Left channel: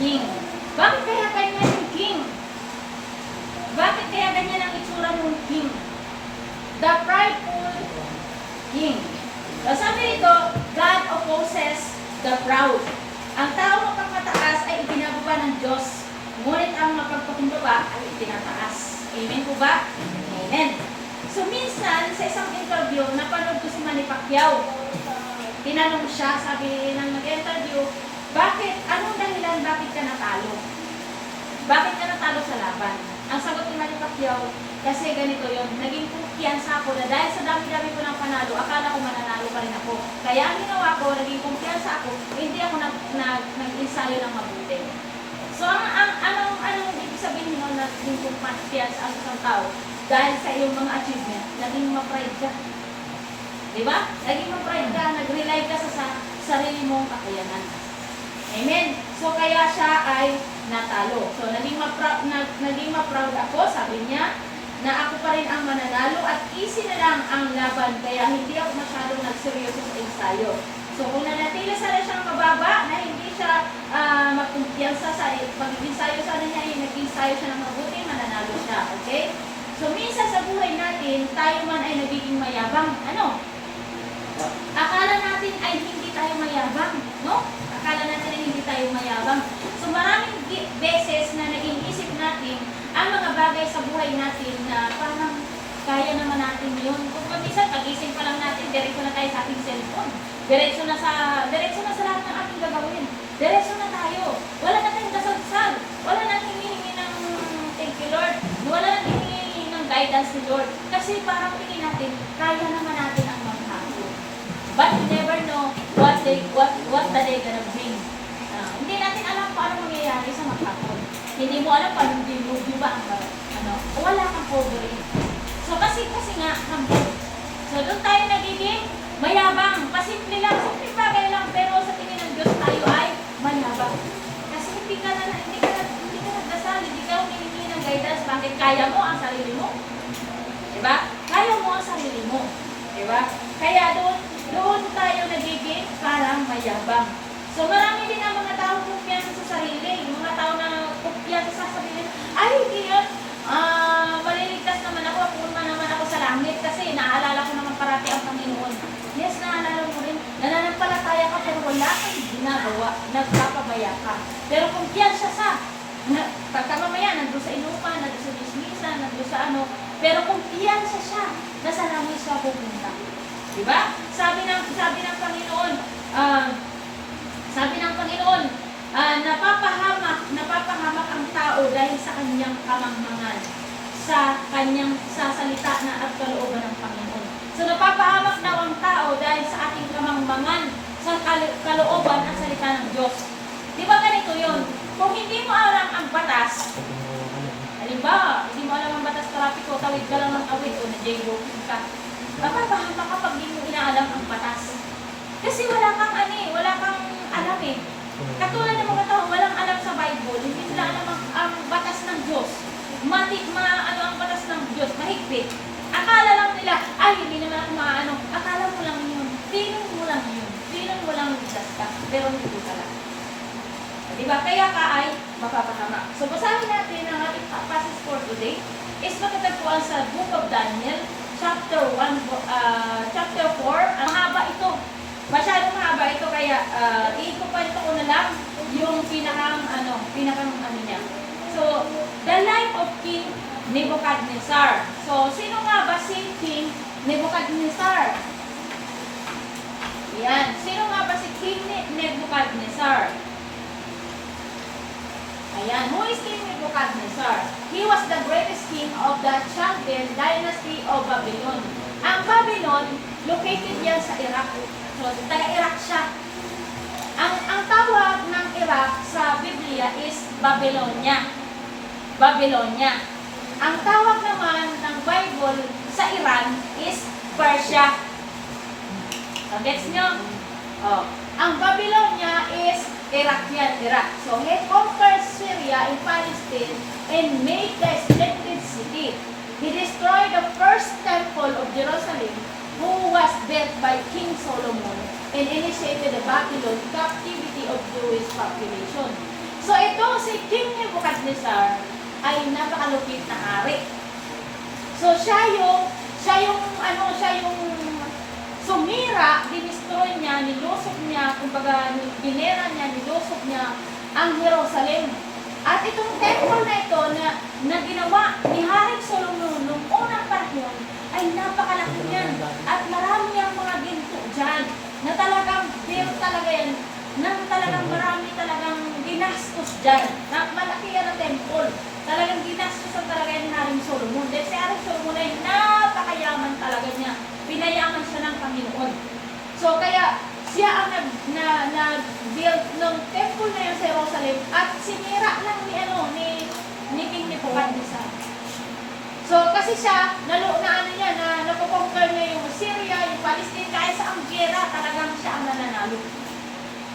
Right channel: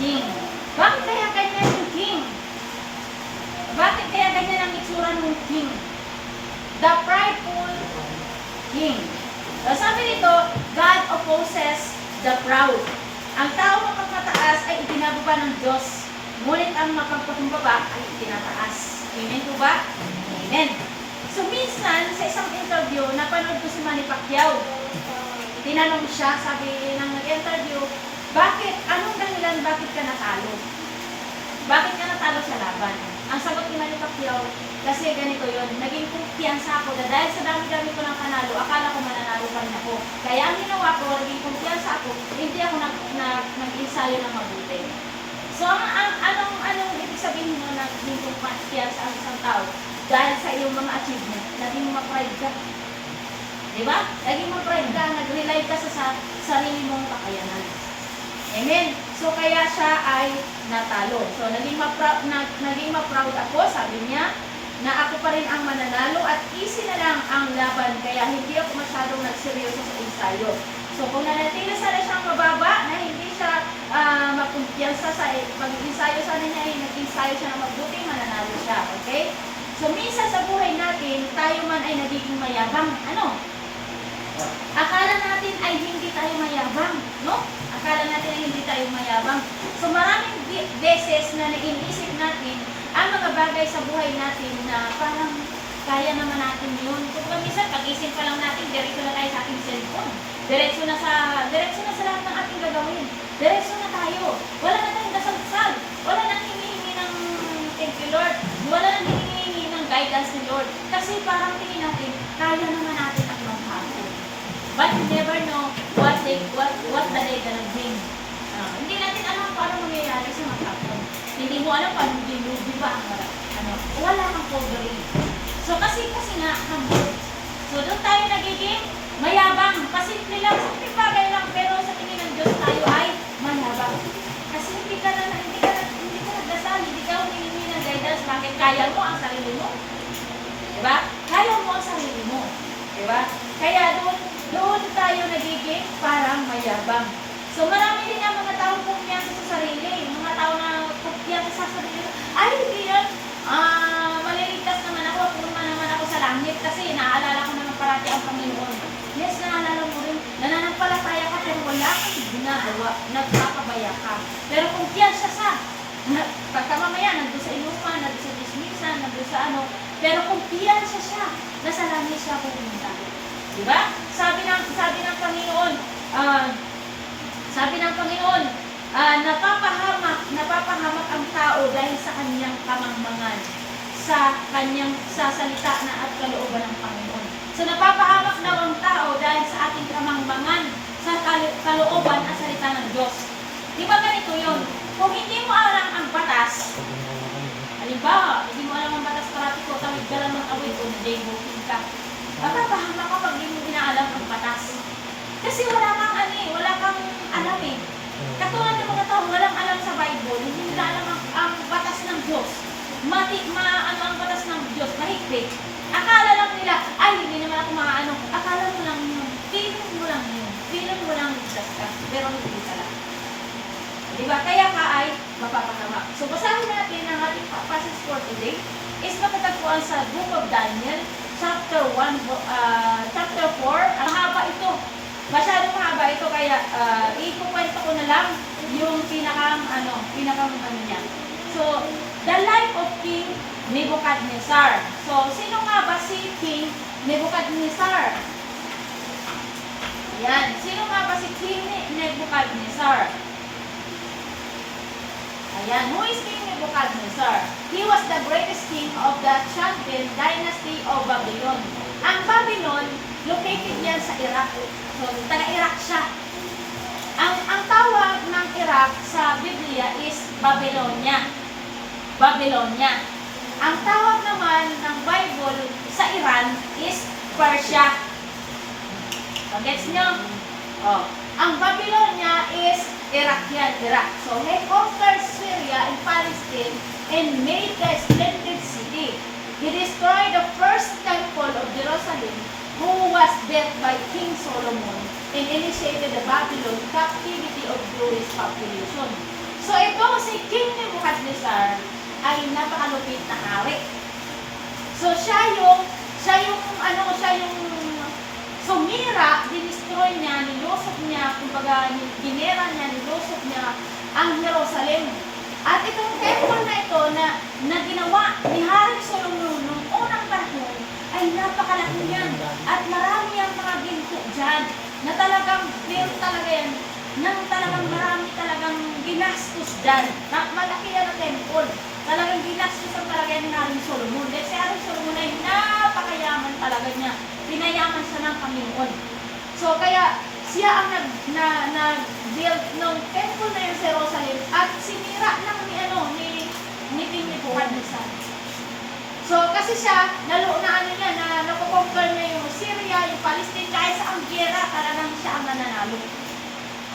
king. Bakit kaya ganyan yung king? Bakit kaya ganyan ang itsura ng king? The prideful king. So, sabi nito, God opposes the proud. Ang tao mapagmataas ay itinababa ng Diyos, ngunit ang mapagpakumbaba ay itinataas. Amen po ba? Amen. So, minsan, sa isang interview, napanood ko si Manny Pacquiao. Tinanong siya, sabi ng nag-interview, anong dahilan, bakit ka natalo? Bakit ka natalo sa laban? Ang sagot ni Manny Pacquiao, kasi ganito yun, naging kumpiyansa ako na dahil sa dami-dami ko ng panalo, akala ko mananalo pa rin ako. Kaya ang ginawa ko, naging kumpiyansa ako, hindi ako nag-ensayo ng mabuti. So, anong ibig sabihin mo na naging kumpiyansa ang isang tao? Dahil sa iyong mga achievement, naging ma-pride ka. Diba? Naging ma-pride ka, nag-rely ka sa sarili mong kakayanan. Amen. So, kaya siya ay natalo. So, naging ma-proud ako, sabi niya, na ako pa rin ang mananalo at easy na lang ang laban, kaya hindi ako masyadong nagseryoso sa ensayo. So, kung nanatili sana siyang mababa, na hindi siya magkumpiyansa sa pag-ensayo sana niya, nag-ensayo siya na mabuti, mananalo siya. Okay? So, minsan sa buhay natin, tayo man ay nagiging mayabang. Ano? Akala natin ay hindi tayo mayabang. No? Akala natin ay hindi tayo mayabang. So, maraming beses na naiisip natin ang mga bagay sa buhay natin na parang kaya naman natin yun. Kung minsan, pag-isip pa lang natin, diretso na tayo sa ating cellphone. Diretso na sa lahat ng ating gagawin. Diretso na tayo. Wala na tayong dasal-dasal. Wala na hinihingi ng thank you Lord. Wala na hinihingi ng guidance ni Lord. Kasi parang tingin natin, kaya naman natin ang maghapon. But we never know what the day gonna bring. Hindi natin alam kung ano mangyayari sa maghapon. Hindi mo alam paano dilubi ba ang wala kang covering. So kasi nga, humble. So doon tayo nagiging mayabang. Pasimple lang, simple bagay lang, pero sa tingin ng Diyos tayo ay mayabang. Kasi hindi ka nagdasal, hindi ka humihingi ng guidance, bakit kaya mo ang sarili mo? Diba? Kaya mo ang sarili mo. Diba? Kaya doon tayo nagiging parang mayabang. So marami din ang mga taong kumpiyansa sa sarili. Mga tao na kumpiyansa sa sarili. Ay, hindi yan. Maliligtas naman ako sa langit kasi naalala ko naman parati ang Panginoon. Yes, naalala mo rin. Nananampalataya ka pero wala kang ginagawa. Nagpapabaya ka. Pero kumpiyansa sa pagkamamaya, nandun sa inuman, nandun sa dismisa, nandun sa ano. Pero kumpiyansa siya na sa langit siya pupunta. Diba? Sabi ng Panginoon, napapahamak ang tao dahil sa kanyang kamangmangan, sa salita na at kalooban ng Panginoon. So napapahamak daw ang tao dahil sa ating kamangmangan, sa kalooban at salita ng Diyos. Di ba ganito yun? Kung hindi mo alam ang batas, halimbawa, hindi mo alam ang batas karapiko, tawid ka lang ng awit o na-day-walking ka, napapahamak kapag hindi mo inaalam ang batas. Kasi wala kang alam eh. Katulad ng mga tao, walang alam sa Bible, hindi nila alam ang batas ng Diyos. Ang batas ng Diyos, mahigpit. Akala lang nila, ay, hindi naman ako maano. Akala mo lang yun. Feeling mo lang yun. Feeling mo lang ligtas ka. Pero hindi pala. Diba? Kaya ka ay mapapahamak. So, basahin natin ang ating passage for today is matatagpuan sa Book of Daniel, chapter 4. Ang haba ito. Masyadong mahaba ito, kaya ikukwento ko na lang yung pinakang niya. So, the life of King Nebuchadnezzar. So, sino nga ba si King Nebuchadnezzar? Ayan. Sino nga ba si King Nebuchadnezzar? Ayan. Who is King Nebuchadnezzar? He was the greatest king of the Chaldean dynasty of Babylon. Ang Babylon, located yan sa Iraq. So, taga-Iraq siya. Ang tawag ng Iraq sa Biblia is Babylonia. Babylonia. Ang tawag naman ng Bible sa Iran is Persia. So, gets nyo? Oh. Ang Babylonia is Iraq yan, Iraq. So, he conquered Syria and Palestine and made a splendid city. He destroyed the first temple of Jerusalem, who was built by King Solomon, and initiated the Babylon captivity of Jewish population. So ito, si King Nebuchadnezzar ay napakalupit na hari. So siya yung sumira, dinistroy niya, nilusok niya, kumbaga ginera niya, nilusok niya ang Jerusalem. At itong temple na ito na ginawa ni Haring Solomon noong unang panahon ay napakalaki yan. At marami ang mga ginto dyan na talagang built talaga yan, nang talagang marami talagang ginastos dyan. Malaki yan ang temple. Talagang ginastos ang talaga yan ni Haring Solomon. Dahil si Haring Solomon ay napakayaman talaga niya. Pinayaman siya ng Panginoon. So kaya siya ang nag-build ng temple na yung sa Jerusalem at sinira lang ni King Nebuchadnezzar. So kasi siya, nakukonquer niya yung Syria, yung Palestine, kahit sa ang gera, talagang siya ang nananalo.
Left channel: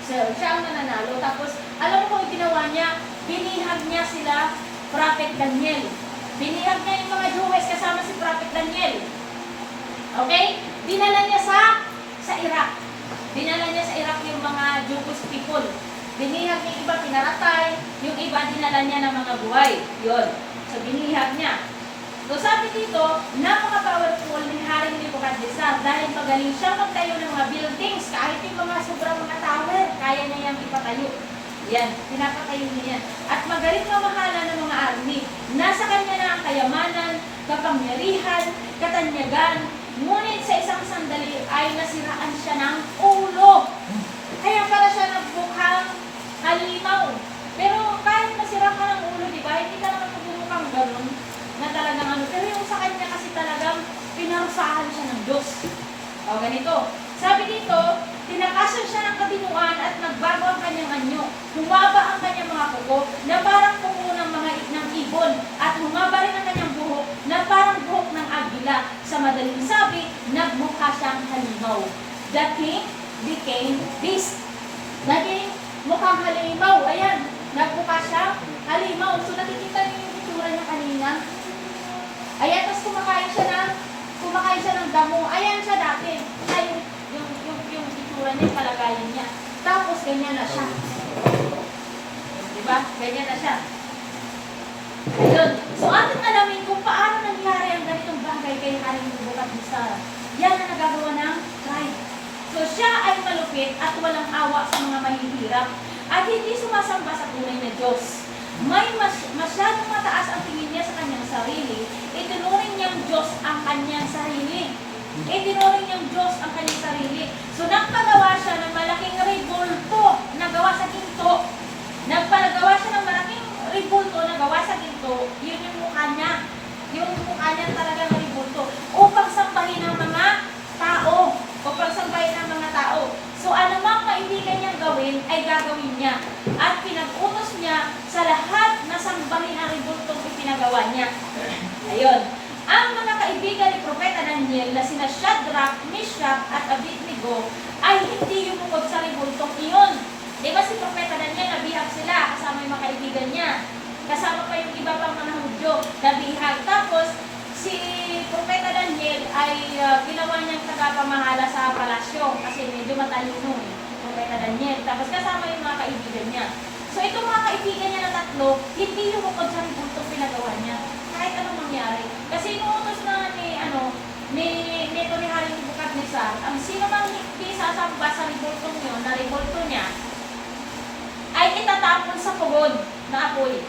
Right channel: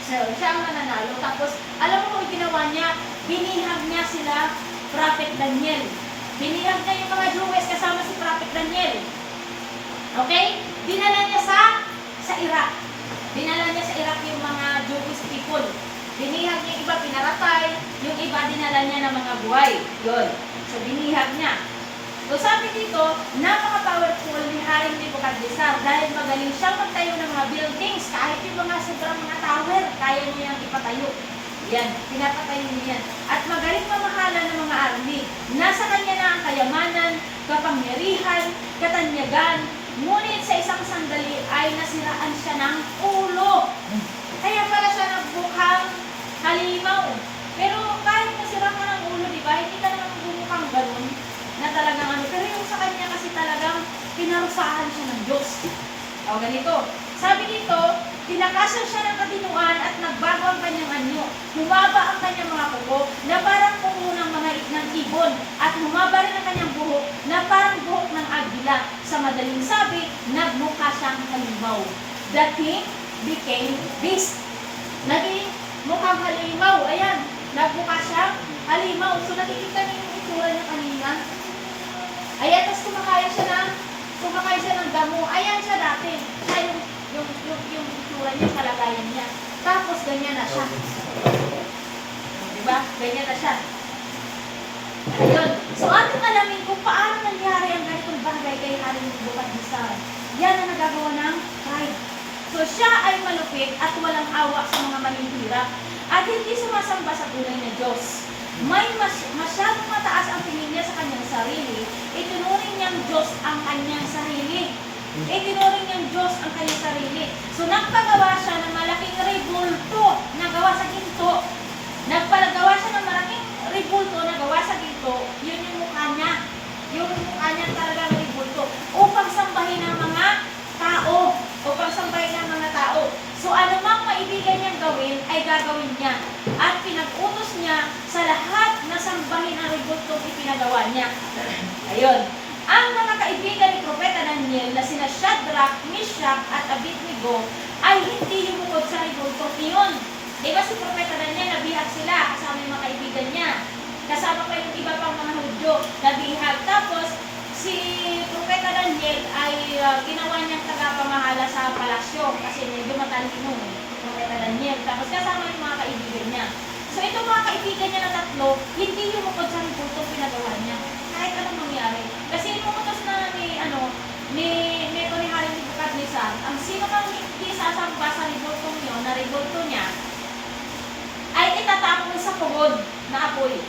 So siya ang nananalo. Tapos alam mo kung ginawa niya, binihag niya sila, Prophet Daniel. Binihag niya yung mga Jews kasama si Prophet Daniel. Okay? Dinala niya sa Iraq. Dinala niya sa Iraq yung mga Jewish people. Binihag niya yung iba, pinaratay. Yung iba, dinala niya ng mga buhay. Yun. So, binihag niya. So, sabi dito, napaka-powerful ni Haring Nebuchadnezzar dahil magaling siyang magtayo ng mga buildings. Kahit yung mga sobrang mga tower, kaya niya yung ipatayo. Yan, pinapatayo niya yan. At magaling mamahala ng mga army. Nasa kanya na ang kayamanan, kapangyarihan, katanyagan, ngunit sa isang sandali ay nasiraan siya ng ulo. Kaya pala siya nagbukhang halimaw. Pero kahit nasira ka ng ulo, di ba? Hindi ka naman nagbukhang ganun na talagang ano. Pero yung sa kanya kasi talagang pinarusahan siya ng Diyos. O ganito. Sabi dito, pinakasan siya ng kabinuan at nagbago ang kanyang anyo. Humaba ang kanyang mga kuko na parang kuko ng ibon at humaba rin ang kanyang buhok na parang buhok ng agila. Sa madaling sabi, nagmukha siyang halimaw. The king became beast. Naging mukhang halimaw. Ayan, nagmukha siyang halimaw. So nakikita niyo yung itsura niya kanina. Ayan, tapos kumakain siya ng damo. Ayan siya dati. Siya yung itsura niya, kalagayan niya. Tapos ganyan na siya. Diba? Ganyan na siya. Ayun. So ating alamin kung paano nangyari ang ganitong bagay kay Haring Nebuchadnezzar. Yan ang nagagawa ng pride. So siya ay malupit at walang awa sa mga mahihirap at hindi sumasamba sa tunay na Diyos. Masyadong mataas ang tingin niya sa kanyang sarili. Itinuring niyang Diyos ang kanyang sarili. Itinuring niyang Diyos ang kanyang sarili. So nagpagawa siya ng malaking rebulto na gawa sa ginto. Nagpalagawa siya ng malaking rebulto na gawa sa ginto. Yun yung mukha niya. Yung mukha niya talagang rebulto. Upang sambahin ng mga tao. Upang sambahin ng mga tao. So anumang maibigan niyang gawin ay gagawin niya. At pinag-utos niya sa lahat na sambahin ang rebultong ipinagawa niya. Ayun. Ang mga kaibigan ni Propeta Daniel na sina Shadrach, Meshach at Abednego ay hindi lumukod sa rebultong iyon. Di ba si Propeta Daniel, nabihag sila kasama yung mga kaibigan niya. Kasama pa yung iba pang mga Hudyo, nabihag. Tapos, si Propeta Daniel ay ginawa niyang tagapamahala sa palasyo kasi medyo matalino Propeta Daniel. Tapos kasama yung mga kaibigan niya. So itong mga kaibigan niya na tatlo, hindi lumukod sa rebultong pinagawa niya. Kahit anong mangyari. Kasi inuutos na ni Haring Nebuchadnezzar, ang sino nang hindi sasamba sa rebultong niyo, na rebulto niya, ay itatapon sa pugon na apoy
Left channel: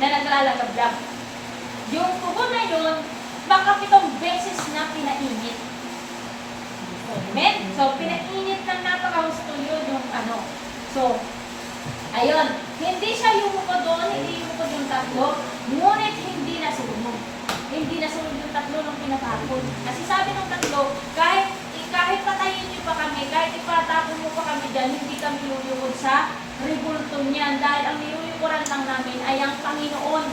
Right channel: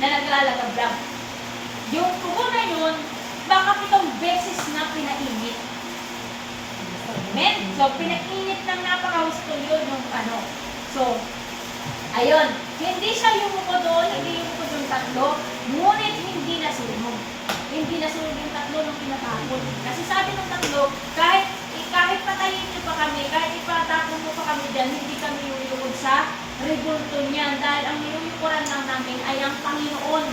na naglalagablag. Yung pugon na yun, baka 7 beses na pinainit. Amen? So, pinainit ng napakahusto yun yung ano. So, ayun. Hindi siya yumuko doon, hindi yumuko yung tatlo, ngunit hindi nasunog. Hindi nasunog yung tatlo nung tinatapon. Kasi sabi ng tatlo, kahit patayin niyo pa kami, kahit ipatapon mo pa kami dyan, hindi kami yuyukod sa rebulto niyan. Dahil ang niyuyukuran lang namin ay ang Panginoon.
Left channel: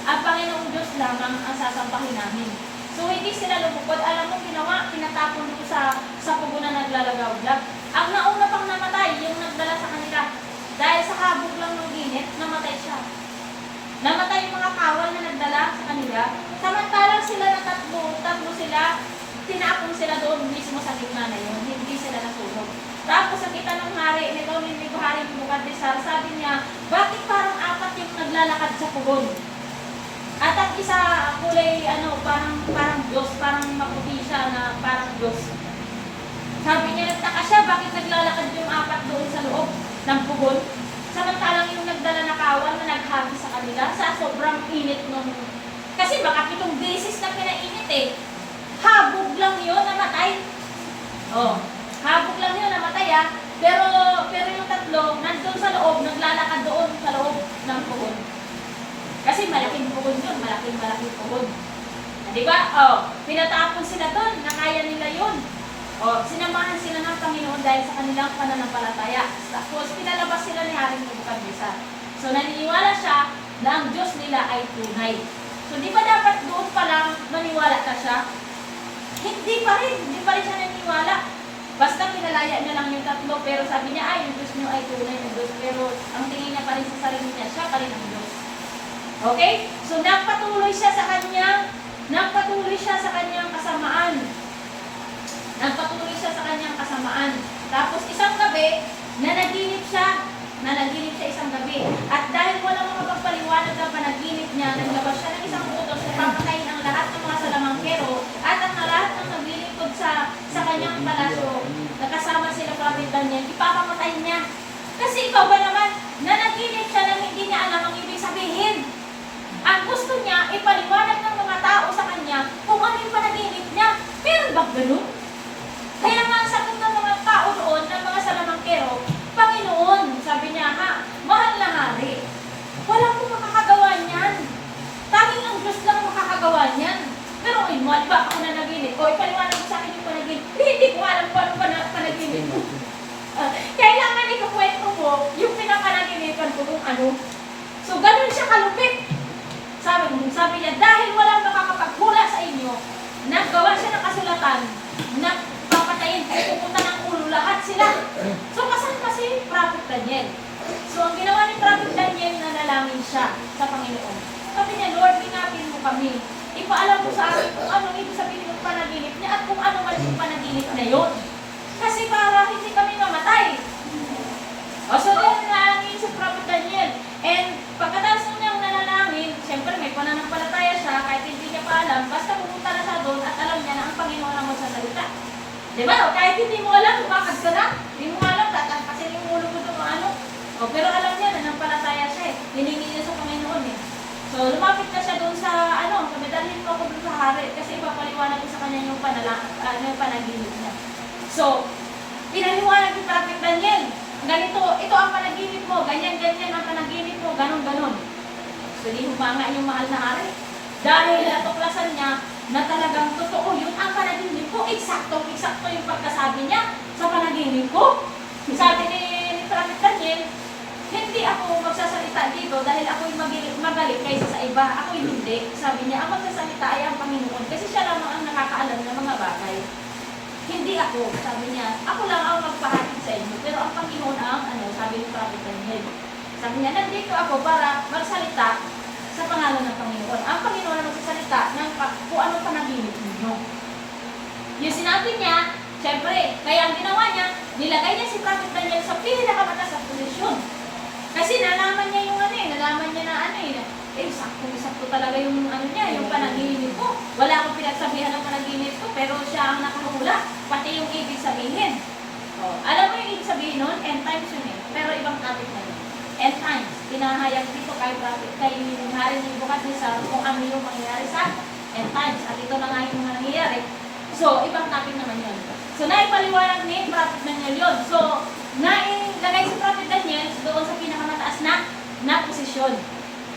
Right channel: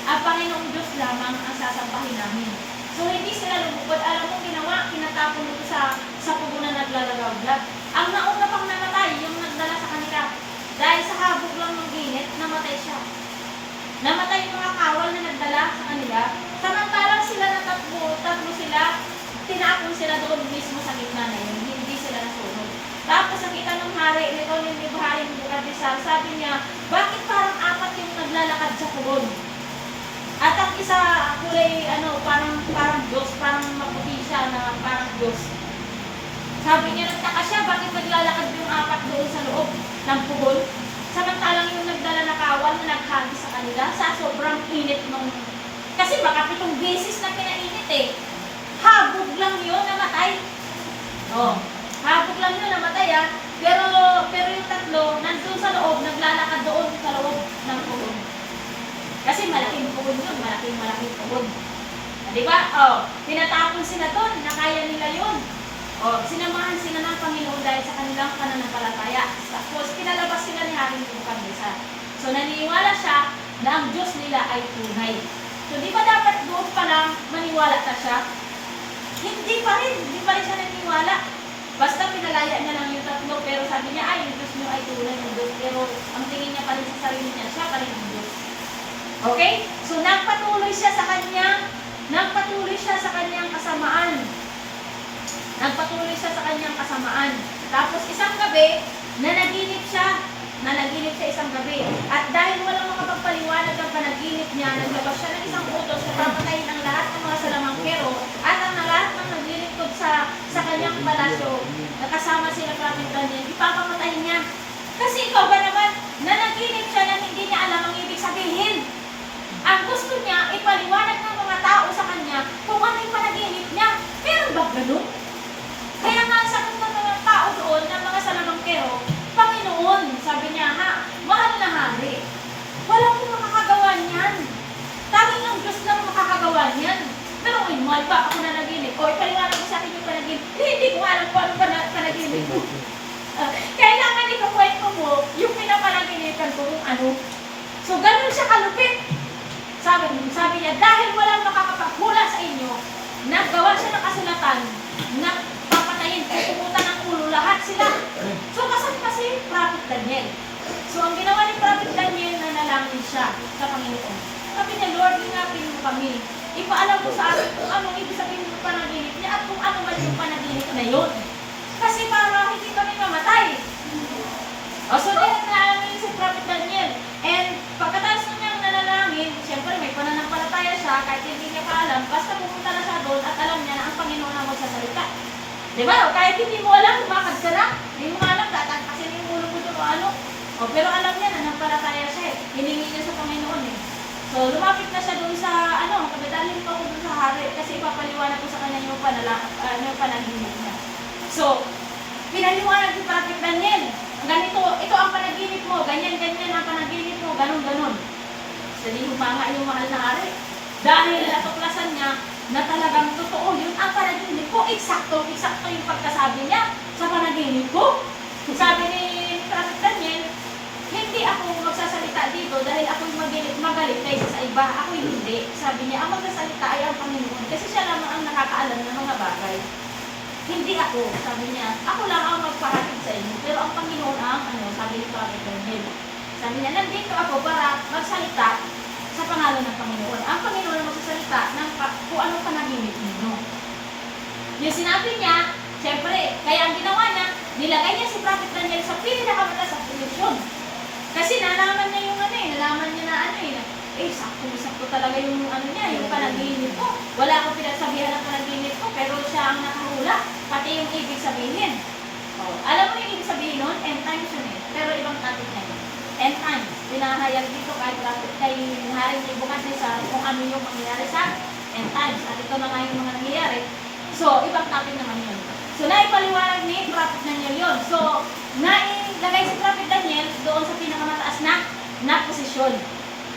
Ang Panginoong Diyos lamang ang sasampahin namin. So, hindi sila lumukod. Alam mo, ginawa, pinatapon mo sa pugo na naglalagawlag. Ang nauna pang namatay, yung nagdala sa kanila. Dahil sa habog lang ng init, namatay siya. Namatay yung mga kawal na nagdala sa kanila. Samantalang sila na tatlo sila, tinapon sila doon mismo sa gitna na yun. Hindi sila nasunog. Tapos nakita ng hari, ni Haring Haring Nebukadnesar, sabi niya, bakit parang apat yung naglalakad sa pugon? At ang isa kulay parang Diyos, parang maputi siya na parang Diyos. Sabi niya, nagtaka siya, bakit naglalakad yung apat doon sa loob ng pugon? Samantalang yung nagdala na kawan na naghagi sa kanila sa sobrang init nung... Kasi baka 7 beses na pinainit eh. Habog lang yun, namatay. Oh, habog lang yun, namatay ah. Pero yung tatlo, nandun sa loob, naglalakad doon sa loob ng pugon. Kasi malaking pugon yun, malaking pugon. Diba? Oh, pinatapon sila doon, nakaya nila yun. Oh, sinamahan sila ng Panginoon dahil sa kanilang pananampalataya. Tapos, kinalabas sila ni Haring Nebukadnesar. So, naniniwala siya na ang Diyos nila ay tunay. So, di ba dapat doon pa lang maniwala ka siya? Hindi pa rin siya naniniwala. Basta pinalaya niya lang yung tatlo, pero sabi niya, ay, yung Diyos niyo ay tunay ng Diyos. Pero ang tingin niya pa rin sa sarili niya, siya pa rin ang Diyos. Okay? So, nagpatuloy siya sa kanyang kasamaan. Nagpatuloy siya sa kanyang kasamaan. Tapos isang gabi, nanaginip siya isang gabi. At dahil walang makapagpaliwanag ng panaginip niya, naglabas siya ng isang utos na papatayin ang lahat ng mga salamangkero at ang lahat ng naglilingkod sa kanyang palasyo na kasama sila Prophet Daniel, ipapamatay niya. Kasi ikaw ba naman, nanaginip siya na hindi niya alam ang ibig sabihin. Ang gusto niya, ipaliwanag ng mga tao sa kanya kung ano yung panaginip niya. Pero ba ganun? Kaya nga, sagot ng mga tao doon, ng mga salamangkero, Panginoon, sabi niya, mahal na hari, walang kong makakagawa niyan. Tanging ang Diyos lang makakagawa niyan. Pero mo, ba ako na naginip? O ipaliwanag mo sa akin yung panaginip. Hindi ko alam kung ano panaginip mo. Kailangan ikukwento mo yung pinapanaginipan ko kung ano. So, ganun siya kalupit. Sabi niya, dahil walang makakapaghula sa inyo, naggawa siya ng kasulatan na papatayin, pupunta ng ulo lahat sila. So, kasama si Prophet Daniel. So, ang ginawa ni Prophet Daniel, nanalangin siya sa Panginoon. Sabi niya, Lord, hinapin mo kami. Ipaalam mo sa akin kung anong ibig sabihin ng panaginip niya at kung ano man yung panaginip na yun. Kasi para hindi kami mamatay. So, nanalangin si Prophet Daniel. And pagkatapos niyang nanalangin, siyempre may pananampalataya siya, kahit hindi niya pa alam, basta pumunta na siya doon at alam niya na ang Panginoon ang magsasalita. Diba? Kahit hindi mo alam, lumakad ka na. Hindi mo alam, tatangkasin yung ulo mo doon o ano. Pero alam niya na nampalataya siya eh. Hiningi niya sa Panginoon eh. So, lumapit na siya doon sa, pagdadalhin mo ako doon sa hari kasi ipapaliwanag ko sa kanya yung panaginip niya. So, pinaliwanag ni Prophet Daniel. Ganito, ito ang panaginip mo, ganyan ang panaginip mo, ganon. So, di humanga yung mahal na hari. Dahil natuklasan niya na talagang totoo yun ang panaginip ko. Eksakto yung pagkasabi niya sa panaginip ko. Sabi ni Prophet Daniel, hindi ako magsasalita dito dahil ako'y magalit kaysa sa iba. Ako'y hindi. Sabi niya, ang magsasalita ay ang Panginoon kasi siya lamang ang nakakaalam ng mga bagay. Hindi ako, sabi niya, ako lang ang magpahatid sa inyo, pero ang Panginoon ang, sabi ni Prophet Daniel. Sabi niya, nandito ako para magsalita sa pangalan ng Panginoon. Ang Panginoon ang magsasalita ng kung ano panaginip ninyo. Yung sinabi niya, siyempre, kaya ang ginawa niya, nilagay niya si Prophet Daniel sa pinakamataas na posisyon. Kasi nalaman niya yung nalaman niya na sakto talaga yung yung panaginip ko. Wala akong pinagsabihan ng panaginip ko, pero siya ang nakahula, pati yung ibig sabihin. Alam mo yung ibig sabihin nun? End times yun eh. Pero ibang topic na yun. End times. Pinahayag dito kay Haring Nebukadnesar kung ano yung mangyayari sa end times. At ito na nga yung mga nangyayari. So, ibang topic naman yun. So, naipaliwanag ni Prophet Daniel yun. So, nailagay si Prophet Daniel doon sa pinakamataas na posisyon.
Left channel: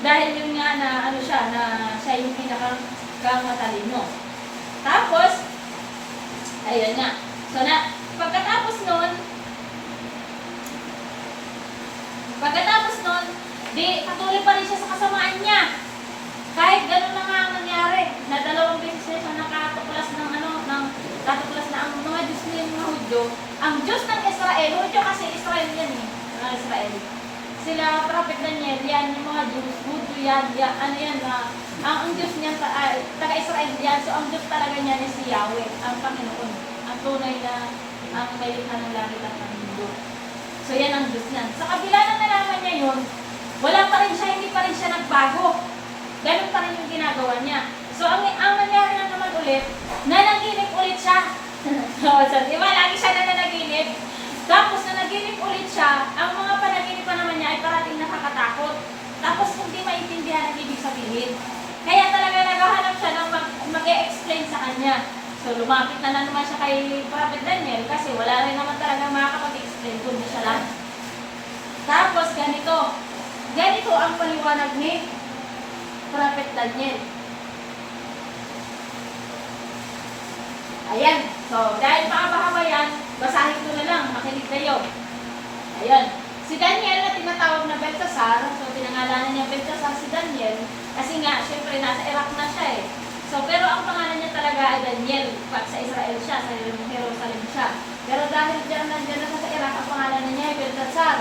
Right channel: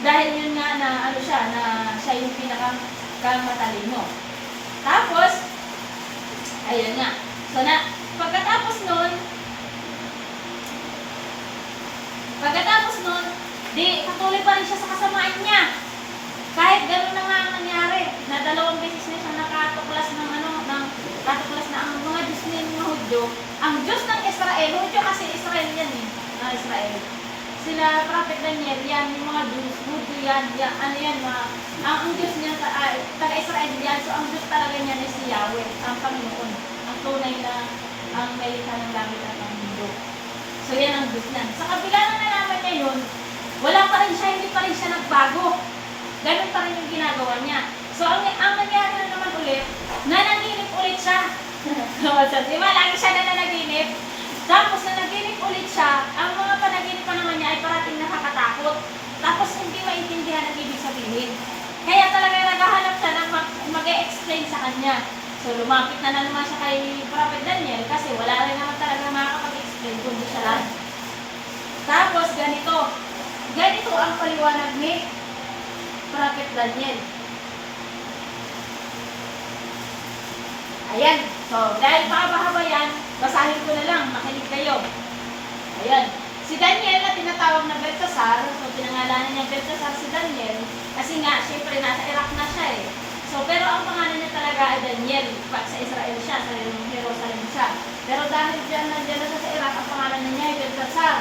Dahil yun nga na siya yung pinakamatalino. Tapos, ayun nga. So, pagkatapos nun, di patuloy pa rin siya sa kasamaan niya. Kahit ganun na nga ang nangyari, na 2 beses na siya nakatuklas ng ang mga Diyos ng mga Hudyo. Ang Diyos ng Israel, Hudyo kasi Israel yan eh, mga Israel. Sila Prophet Daniel, yan, yung mga Diyos, Hudyo yan, ang Diyos niyan, taga-Israel yan, so ang Diyos talaga niyan is si Yahweh, ang Panginoon, ang tunay na, ang may likha ng langit at ang mundo. So yan ang Diyos niya. Sa kabila na nalaman niya yun, wala pa rin siya, hindi pa rin siya nagbago. Ganun pa rin yung ginagawa niya. So ang nangyari na naman ulit, nanaginip ulit siya. So, di ba, lagi siya nananaginip. Tapos nanaginip ulit siya, ang mga panaginipan naman niya ay parating nakakatakot. Tapos hindi maintindihan ang ibig sabihin. Kaya talaga naghahanap siya ng mag-e-explain sa kanya. So lumapit na naman siya kay Prophet Daniel kasi wala rin naman talaga makakapag-explain kundi siya lang. Tapos ganito ang paliwanag ni Prophet Daniel. Ayan. So dahil mahaba-haba yan, basahin ko na lang, makinig kayo. Ayan. Si Daniel na tinatawag na Belteshazzar, so pinangalanan niya Belteshazzar si Daniel, kasi nga, syempre nasa Iraq na siya eh. So, pero ang pangalan niya talaga ay Daniel, pag sa Israel siya, sa Jerusalem siya. Pero dahil nandiyan na siya sa Iraq, ang pangalan niya ay Belteshazzar,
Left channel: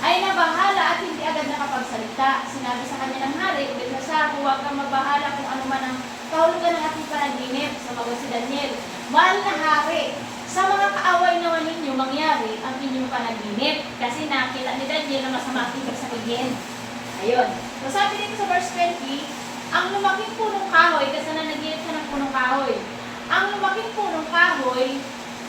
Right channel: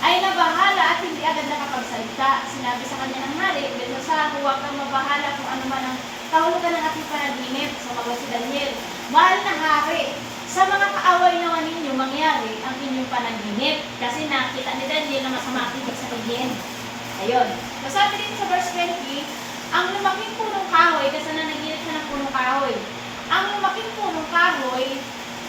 ay nabahala at hindi agad nakapagsalita. Sinabi sa kanya ng hari, Belteshazzar, huwag kang mabahala kung ano man ang kahulugan ng ating panaginip. So, mag si Daniel, mahal na hari, sa mga kaaway naman ninyo mangyari ang inyong panaginip kasi nakita ni Daniel na masama ang ibig sabihin. Ayun. So sabi dito sa verse 20, ang lumaking punong kahoy, kasi nanaginip siya ng punong kahoy, ang lumaking punong kahoy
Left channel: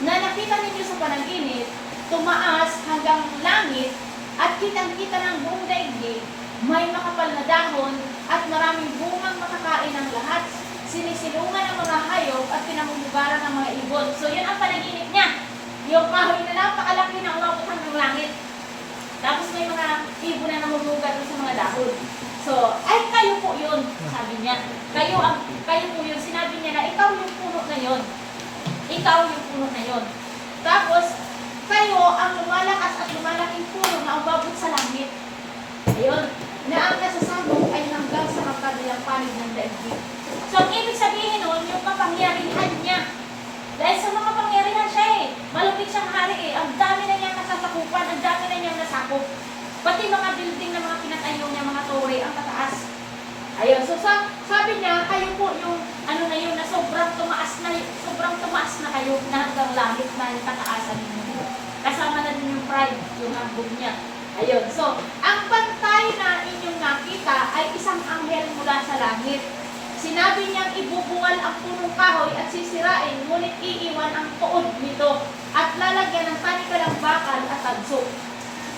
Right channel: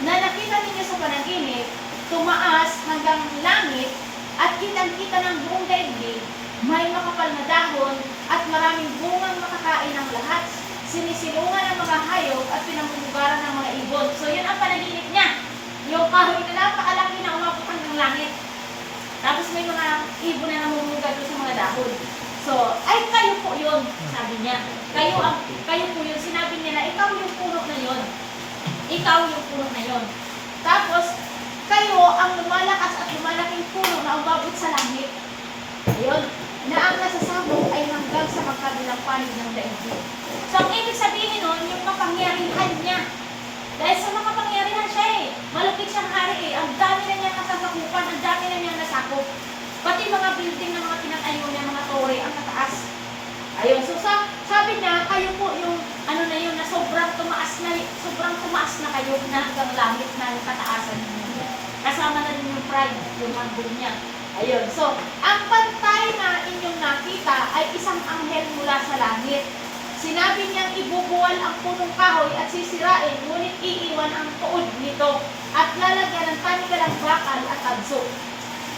na nakita ninyo sa panaginip, tumaas hanggang langit at kitang-kita ng buong daigdig, may makapal na dahon at maraming bungang makakain ng lahat. Sinisilungan ng mga hayop at pinamumugaran ng mga ibon. So, yun ang panaginip niya. Yung kahoy na napakalaki na umabot hanggang langit. Tapos may mga ibon na namumugar sa mga dahon. So, ay kayo po yun, sabi niya. Kayo po yun. Sinabi niya na ikaw yung puno na yun. Ikaw yung puno na yun. Tapos, kayo ang lumalakas at lumalaking puno na umabot sa langit. Ayun. Na ang nasasabog ay hanggang sa magkabilang panig ng daigdig. So, ang ibig sabihin nun, yung kapangyarihan niya. Dahil sa mga kapangyarihan siya eh. Malupit siyang hari eh. Ang dami na niyang nasasakupan, ang dami na niyang nasakop. Pati mga building na mga pinatayo niya, mga tore, ang tataas. Ayun, so sabi niya, kayo po yung, ano na yun, na sobrang tumaas na kayo na hanggang langit na yung kataasan niyo. Kasama na din yung pride, yung hambog niya. Ayun, so, ang pantay na inyong nakita ay isang anghel mula sa langit. Sinabi niyang ibubuwal ang punong kahoy at sisirain, ngunit iiwan ang tuod nito at lalagyan ng tanikalang bakal at tagso.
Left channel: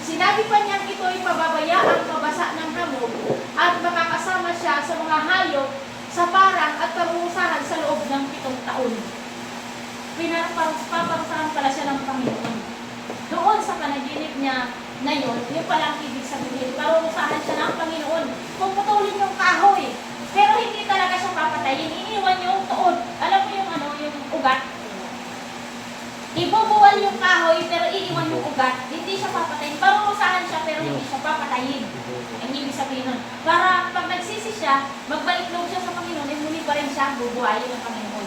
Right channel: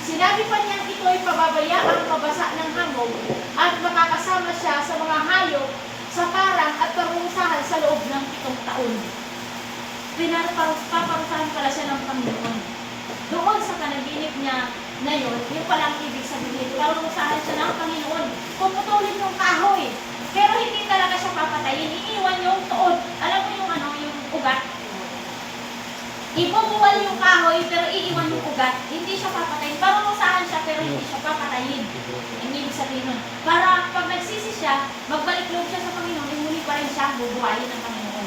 Sinabi pa niyang ito'y pababayaan mabasa ng hangog at makakasama siya sa mga hayop, sa parang at parusahan sa loob ng 7 taon. Paparusahan pala siya ng Panginoon. Doon sa panaginip niya na yun palang ibig sabihin, parusahan siya ng Panginoon. Puputulin yung kahoy. Pero hindi talaga siya papatayin. Iiwan yung tuod. Alam mo yung yung ugat? Ibubuwal yung kahoy, pero iiwan yung ugat. Hindi siya papatayin. Parusahan siya, pero hindi siya papatayin. Ang ibig sabihin nun. Para pag nagsisi siya, magbalik loob siya sa Panginoon, ay muli pa rin siya bubuhayin ng Panginoon.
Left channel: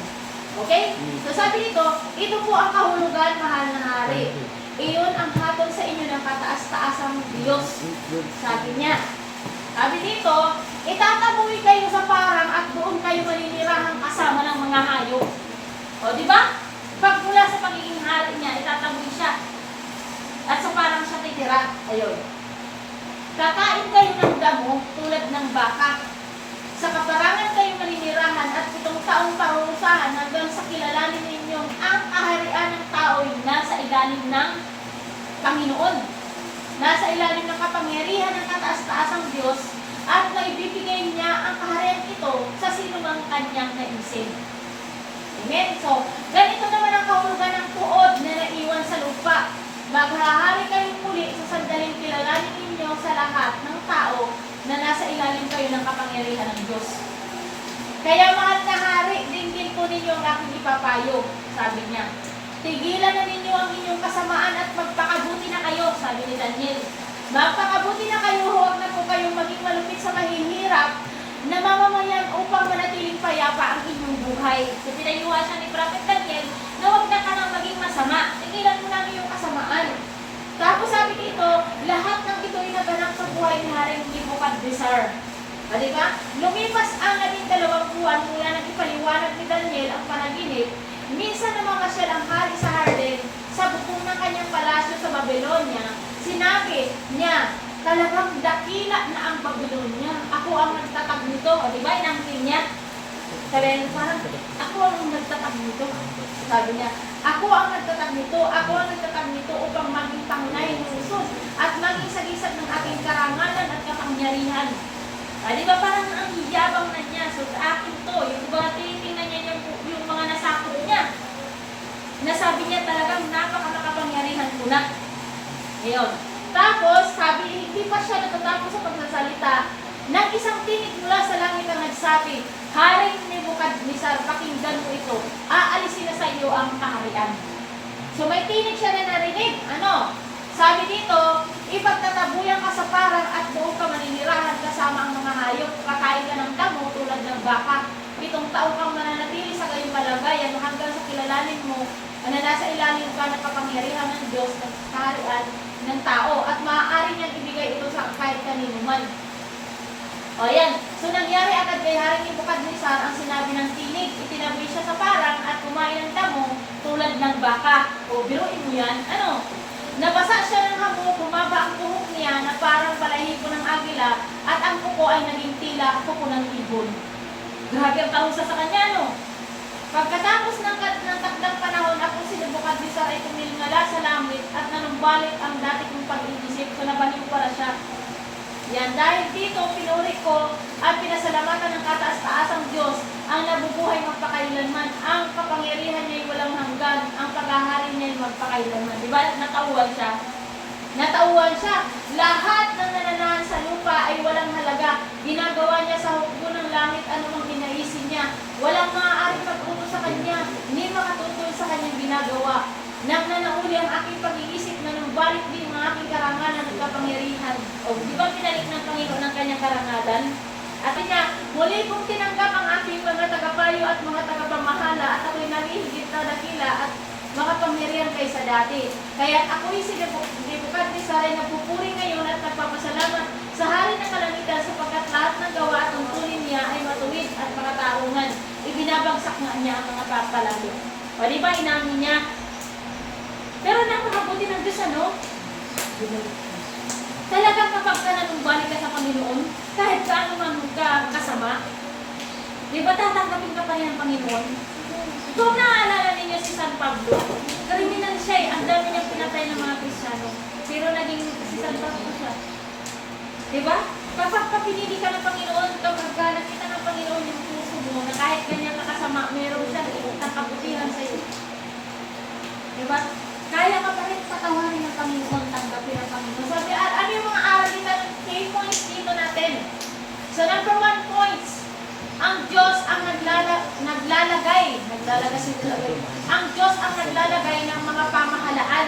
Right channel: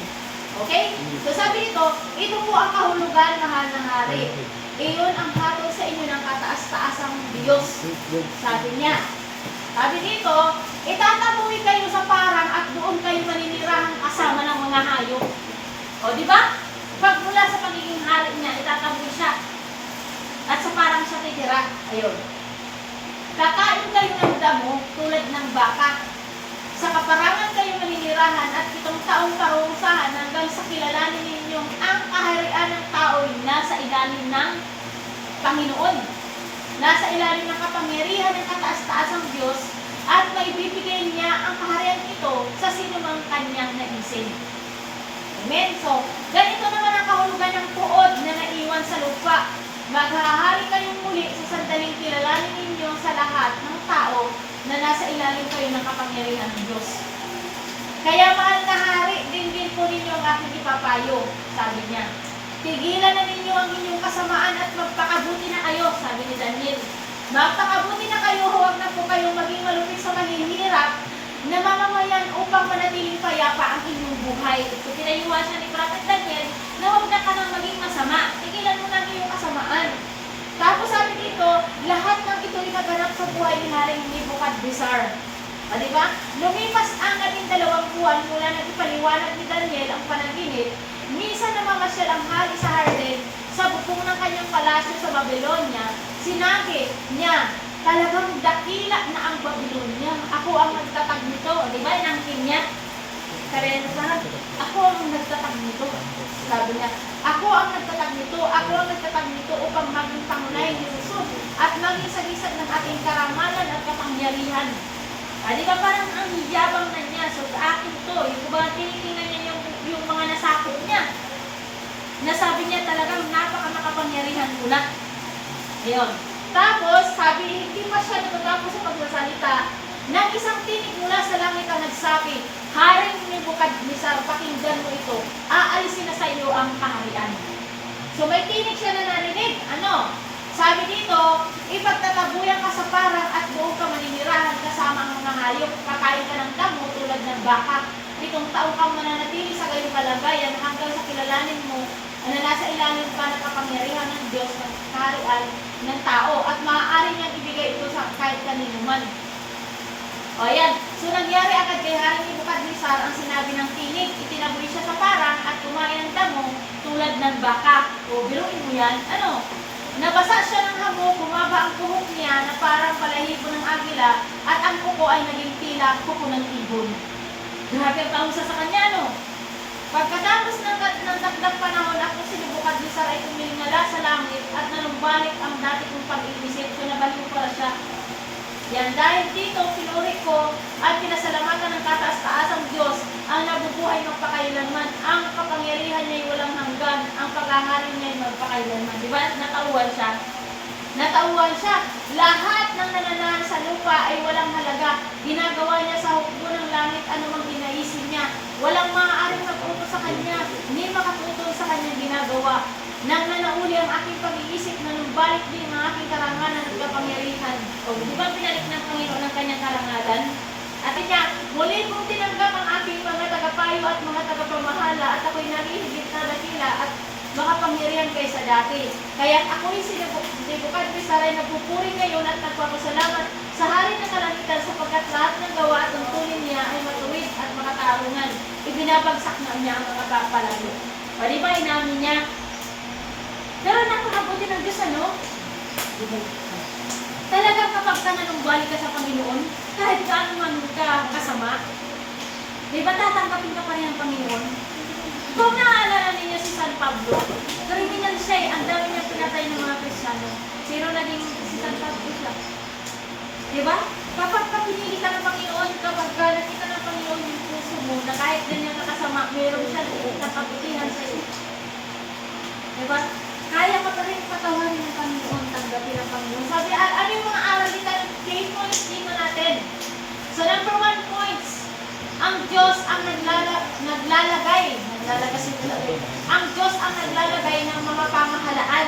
Okay? So sabi nito, ito po ang kahulugan, mahal na hari. Iyon ang hatol sa inyo ng kataas-taasang Diyos. Sabi niya. Sabi dito, itataboy kayo sa parang at doon kayo maninirahan kasama ng mga hayop. O, di ba? Pag mula sa pagiging hari niya, itataboy siya. At sa parang siya titira. Ayun. Kakain kayo ng damo tulad ng baka. Sa kaparangan kayo maninirahan at 7 taong parusahan hanggang sa kilalanin ninyong ang kaharian ng tao'y nasa ilalim ng Panginoon. Nasa ilalim ng kapangyarihan ng kataas-taasang Diyos at maibibigay niya ang kaharian ito sa sinumang kanyang naisin. Amen? So, ganito naman ang kahulugan ng tuod na naiwan sa lupa. Maghahari kayong muli sa sandaling kilalanin ninyo sa lahat ng tao na nasa ilalim kayo ng kapangyarihan ng Diyos. Kaya mahal na hari, din po ninyo ang aking ipapayo, sabi niya. Tigilan na ninyo ang inyong kasamaan at magpakabuti na kayo, sabi ni Daniel. Magpakabuti na kayo, huwag na po kayong maging malupit sa mahihirap na mamamayan upang manatiling payapa ang inyong buhay. So, pinayuhan siya ni Prophet Daniel na huwag na ka nang maging masama. Tigilan mo na iyong kasamaan. Tapos sabi dito, lahat ng ito'y naganap sa buhay ni Haring Nebukadnezar. Diba? Lumipas ang 12 buwan mula nang ipaliwanag ni Daniel ang panaginip. Minsan namamasyal ang hari sa Harden sa bukong ng kanyang palasyo sa Babylonia, sinabi niya, talagang dakila na ang Babylonia. Ako ang nagtatag nito. O, di ba? Inangkin niya. Sabi niya, parang, ako ang nagtatag nito. Sabi niya, ako ang nagtatag nito. Ako ang nagtatag nito upang maging pangunay ni Jesus at maging sagisag ng ating karangalan at kapangyarihan. Di ba parang ang yabang na niya? So, sa akin to. Yung ba tinitingnan niya yung mga nasakot niya. Nasabi niya talagang napaka-makapangyarihan ko na. Ngayon. Tapos, sabi, hindi pa siya natatapos sa pagsasalita. Nang isang tinig mula sa langit ang nagsabi, Haring Nebukadnezar, pakinggan mo ito. Aalisin na sa iyo ang kaharian. So, may tinig siya na narinig. Ano? Sabi dito, ipagtatabuyan ka sa parang at buong ka maninirahan kasama ang mga hayop. Kakain ka ng damo tulad ng baka. 7 taong kang mananatili sa kayong kalagayan hanggang sa kilalanin mo na nasa ilalim ka ng kapangyarihan ng Diyos ng kaharian ng tao at maaari niyang ibigay ito sa kahit kanino man. O yan. So nangyari agad kay Haring Nebukadnezar ang sinabi ng tinig. Itinaboy siya sa parang at kumain ng damo tulad ng baka. O biruin mo yan. Ano? Nabasa siya ng hamo, bumaba ang kuhok niya na parang balahibo ng agila at ang kuko ay naging tila kuko ng ibon. Grabe ang kahusa sa kanya, no? Pagkatapos ng takdang panahon, ako si Nebukadnezar ay tumingala sa langit at nanumbalik ang dati kong pag-iisip. So nabaliw para siya. Yan, dahil dito pinuri ko at pinasalamatan ng kataas-taasang Diyos ang nabubuhay magpakailanman. Ang kapangyarihan niya ay walang hanggan. Ang paghahari niya ay magpakailanman. Diba? Natauhan siya. Natauhan siya. Lahat ng nananahan sa lupa ay walang halaga. Ginagawa niya sa hukbo ng langit anumang ginaisin niya. Walang maaaring magtutol sa kanya, hindi makatutol sa kanyang ginagawa. Nang nanauli ang aking pag-iisip na numbalik din ang aking karangalan at kapangyarihan. O, di ba pinalik ng Panginoon ang kanyang karangalan? At niya, muli kong tinanggap ang aking mga tagapayo at mga tagapamahala at ako'y nalihigit na dakila at makapangyarihan kaysa dati. Kaya't ako'y si Nebukadnezar ay nagpupuri ngayon at nagpapasalamat sa hari ng kalangitan sapagkat lahat ng gawa at tungkulin niya ay matuwid at makatarungan. Ibinabagsak nga niya ang mga papalayo. O di ba inamin niya? Pero napakabuti ng Diyos, ano? Talagang kapag ka nanumbalik ka sa Panginoon, kahit gaano man ka kasama, di ba tatanggapin ka pa rin ang Panginoon? Kung naaalala ninyo si San Pablo, kriminal siya eh. Ang dami niyang pinatay ng mga Kristiyano. Pero naging si San Pablo siya. Diba? Kapag pinili ka ng Panginoon, kapag nakita ng Panginoon yung puso mo, na kahit ganyan ka kasama, mayroon siyang kapabutihan sa iyo. Diba? Kaya ka pa rin patawarin ng Panginoon, tanggapin ng Panginoon. Sabi, ano yung mga aral dito, 3 points dito natin. So number 1 points, ang Diyos ang naglalagay. Ang Diyos ang naglalagay ng mga pamahalaan.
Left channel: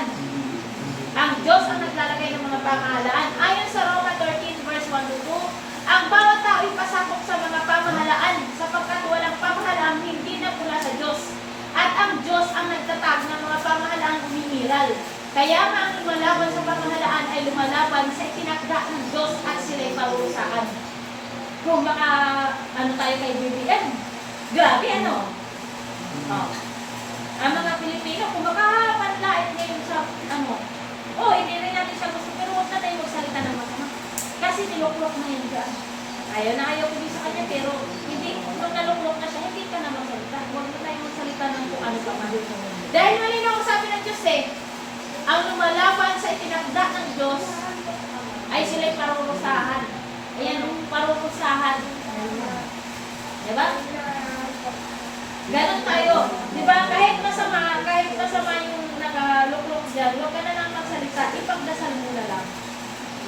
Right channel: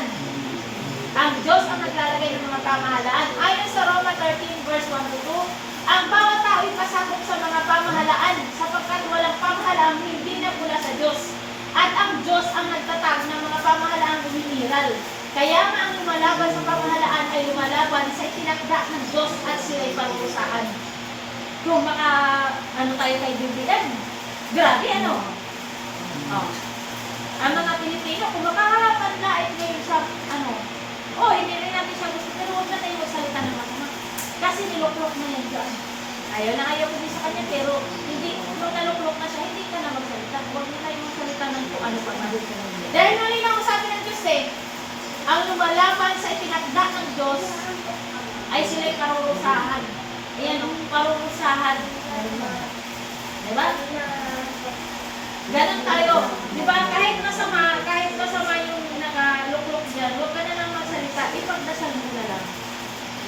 Ang Diyos ang naglalagay ng mga pamahalaan. Ayon sa Roma 13 verse 1-2, ang bawat tao ay pasakop sa mga pamahalaan sapagkat walang pamahalaan hindi na mula sa Diyos. At ang Diyos ang nagtatag ng mga pamahalaan umimiral. Kaya nga ang lumalaban sa pamahalaan ay lumalaban sa itinakda ng Diyos at sila'y parusahan. Kung baka, ano tayo kay BBM? Grabe, ano? Oh. Ang mga Pilipino, kung baka panlait na yun sa, ano, hindi rin natin siya gusto, pero huwag na tayo magsalita ng masama. Kasi niluklok na yun dyan. Ayaw ko din sa kanya, pero hindi, kung naluklok na siya, hindi ka na magsalita. Huwag na tayo magsalita ng kung ano pa man. Dahil malinaw ang sabi ng Diyos ang lumalaban sa itinagda ng Diyos ay sila'y parurusahan. Ayan, parurusahan. Diba? Ganon tayo. Diba? Kahit masama yung nakaluklok dyan, huwag ka na lang magsalita, ipagdasal mo na lang.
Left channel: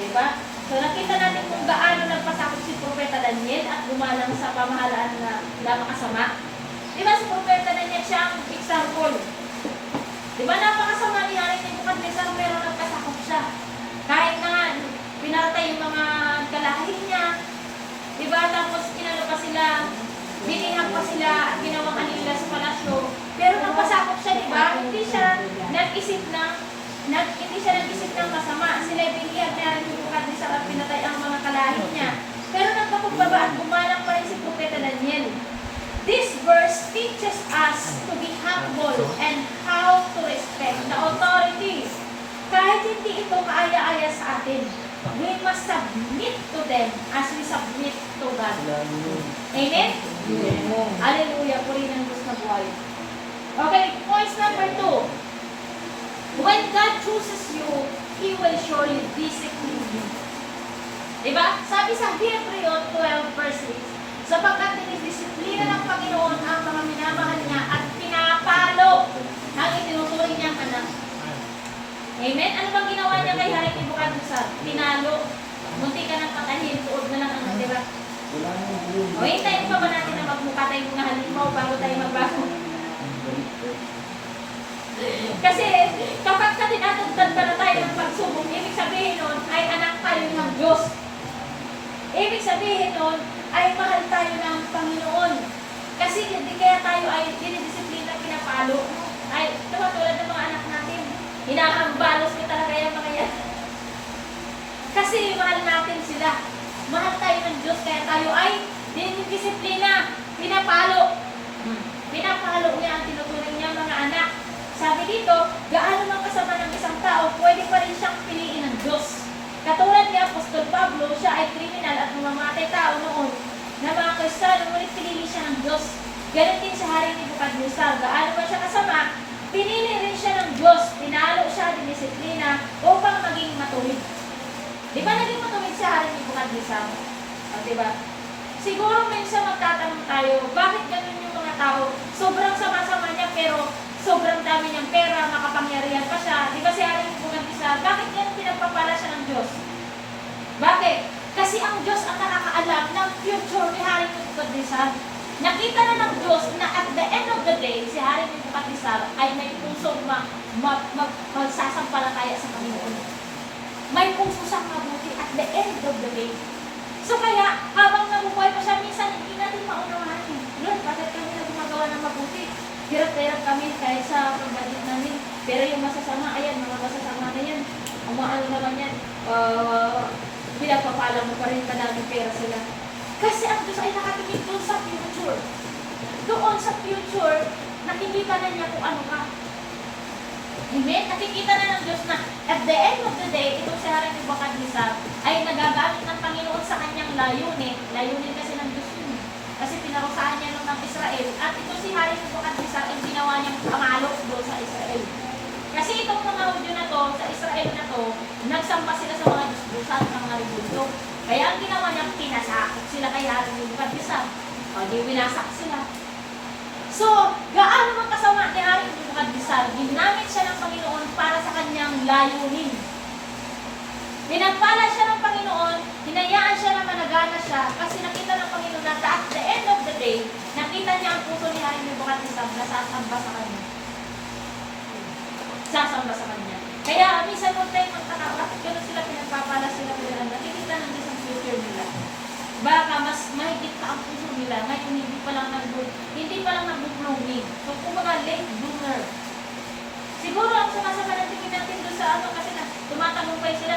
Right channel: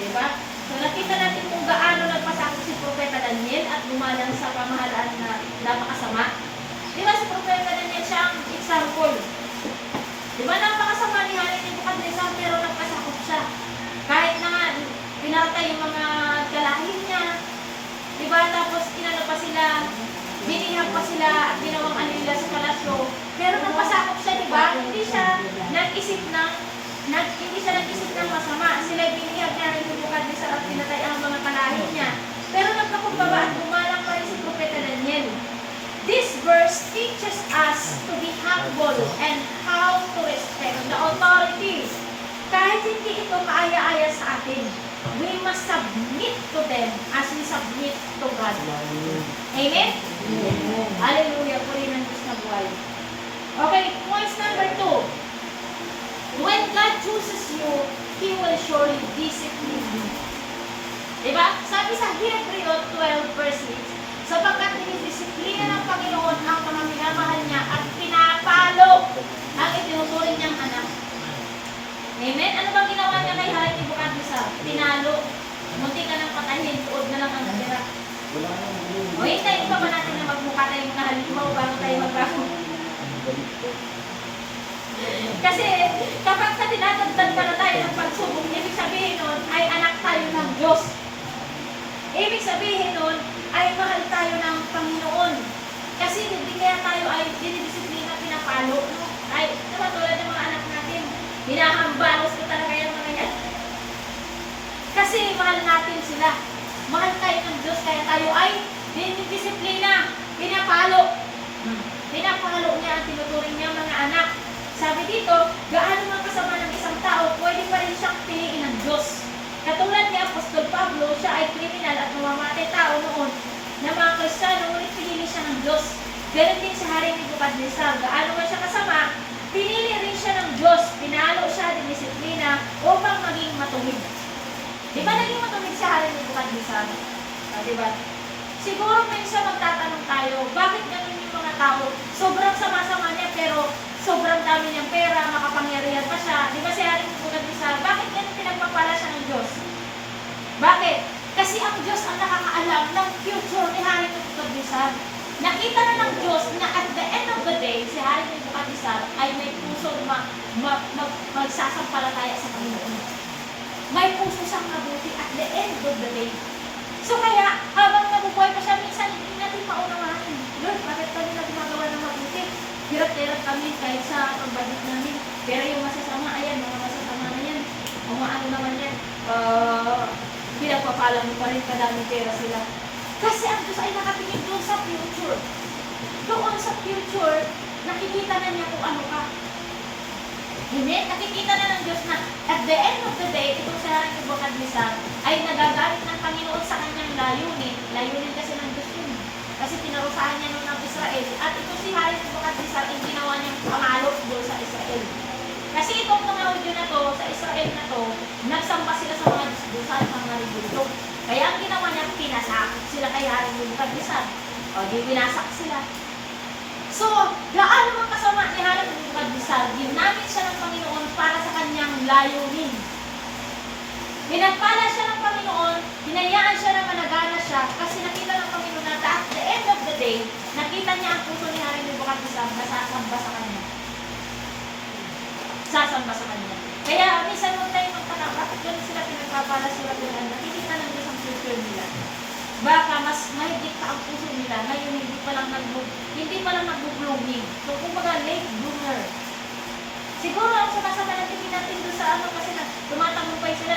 Diba? So, nakita natin kung gaano nagpasakot si Propeta Daniel at gumalang sa pamahalaan na makasama. Diba si Propeta Daniel siya ang example? Diba napakasama ni Haring Nebukadnezar pero nagpasakot siya. Kahit na pinatay yung mga kalahin niya, diba? Tapos pinano pa sila, dinihang pa sila at ginawakan nila sa palasyo. Pero nagpasakot siya, diba? Hindi siya nag-isip ng masama. Sila binihag niya ng Nebukadnezar at pinatay ang mga kalahin niya. Pero nagpakumbaba at gumalang pa rin si Propeta Daniel. This verse teaches us to be humble and how to respect the authorities. Kahit hindi ito maaya-aya sa atin, we must submit to them as we submit to God. Amen? Hallelujah. Puri ng Diyos na buhay. Okay, points number 2. When God chooses you, He will surely discipline you. Diba? Sabi sa Hebreo 12 verse 6, sapagkat dinidisiplina ng Panginoon ang mga minamahal niya at pinapalo ang itinutuloy niyang anak. Amen? Ano bang ginawa niya kay Hari Nebukadnezar? Pinalo. Munti ka ng patayin, tuod na lang ang natira. O, hintayin pa ba natin na magmukha tayo mga halimbaw bago tayo magbago? Kasi kapag tinatagdan ka na tayo ng pagsubok, ibig sabihin nun ay anak tayo ng Diyos. Ibig sabihin nun ay mahal tayo ng Panginoon. Kasi hindi kaya tayo ay dinidisiplina, pinapalo. Ay, tulad ng mga anak natin. Hinahambalos ko talaga yung mga yan. Kasi mahal natin sila. Mahal tayo ng Diyos kaya tayo ay dinidisiplina, pinapalo. Pinapalo niya ang tinuturing niya mga anak. Sabi dito, gaano man kasama ng isang tao, pwede pa rin siyang piliin ng Diyos. Katulad ni Apostol Pablo, siya ay kriminal at mamamatay tao noon na mga Kristiyano, ngunit pinili siya ng Diyos. Ganun din sa Haring Nebukadnezar, gaano man siya kasama, pinili rin siya ng Diyos, pinalo siya, dinisiplina, upang maging matuwid. Di ba naging matuwid sa Haring Nebukadnezar? Di ba? Siguro minsan magtatanong tayo, bakit ganun yung mga tao? Sobrang sama-sama niya, pero sobrang dami niyang pera, makapangyarihan pa siya. Di ba si Haring Nebukadnezar, bakit yan pinagpapala siya ng Diyos? Bakit? Kasi ang Diyos ang nakakaalam ng future ni Haring Nebukadnezar. Nakita na ng Diyos na at the end of the day, si Haring Nebukadnezar ay may pusong magsasampalataya sa Panginoon. May puso siyang mabuti at the end of the day. So kaya, habang nabubuhay pa siya, minsan hindi natin paunawain. Lord, bakit kami na gumagawa ng mabuti? Hirap na hirap kami kahit sa ang budget namin. Pero yung masasama, ayan, mga masasama na yan. Ang mga ano naman yan, pinagpapala mo pa rin kadaming pera sila. Kasi ang Diyos ay nakatingin doon sa future. Doon sa future, nakikita na niya kung ano ka. Amen? Nakikita na ng Diyos na at the end of the day, itong si Haring Nebukadnezar ay nagagamit ng Panginoon sa kanyang layunin. Layunin kasi ng Diyos yun. Kasi pinarusahan niya noon ng Israel. At ito si Haring Nebukadnezar ay ginawa niyang pamalo doon sa Israel. Kasi itong mga Hudyo na to, sa Israel na to, nagsamba sila sa mga disbusan, mga rebulto. Kaya ang ginawa niya, pinasakit sila kay Haring Nebukadnezar. O, di winasak sila. So, gaano man kasama ni Haring Nebukadnezar, ginamit siya ng Panginoon para sa kanyang layunin. Pinagpala siya ng Panginoon, hinayaan siya na managana siya, kasi nakita ng Panginoon na at the end of the day, nakita niya ang puso ni Haring Nebukadnezar na sasamba sa kanya. Sasamba sa kanya. Kaya, minsan nung tayo magtaka, bakit gano'n sila pinagpapala sila nila, nakikita ng isang future nila. Baka mas mahigit pa ang puso nila, ngayon hindi pa lang nag-blooming. So, kumbaga, late bloomer. Siguro ang sumasama ng tingin natin doon sa ano, kasi na tumatagumpay sila,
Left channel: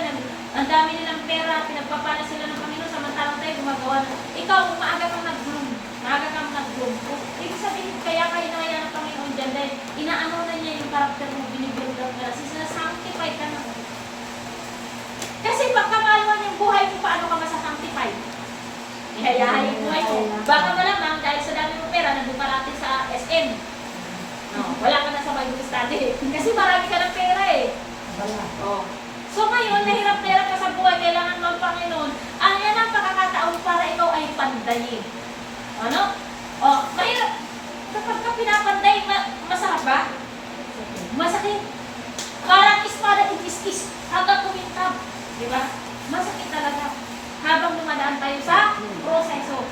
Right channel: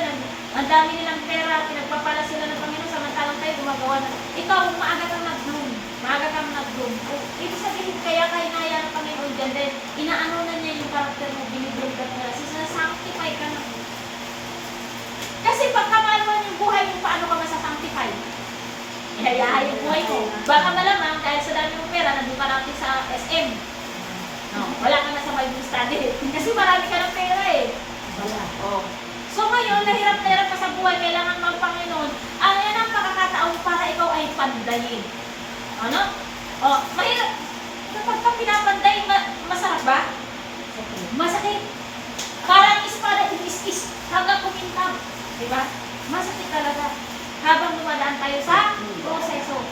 ang dami nilang pera, pinagpapala sila ng Panginoon, samantalang tayo gumagawa na. Ikaw, maaga kang nag-bloom. Maaga kang nag-bloom. Ibig sabihin, kaya hinaya ng Panginoon dyan, dahil inaano na niya yung karakter mo, binibigyan ka na. Sinasanctify ka na. Kasi pagkamalwan yung buhay mo, paano ka masasanctify? Ihayahay yung buhay mo. Baka malamang dahil sa dami yung pera, nandun ka natin sa SM. No, wala ka na sa Bible study. Kasi marami ka ng pera eh. Wala. Oh. So ngayon, nahirap-hirap ka sa buhay, kailangan mo ang Panginoon. Ang yan ang pakakataon para ikaw ay pandayin. Ano? Oh, mahirap. Kapag ka pinapanday, masarap ba? Masakit. Parang espada itis-is hanggang kumintab. Diba? Masakit talaga. Habang dumadaan tayo sa proseso.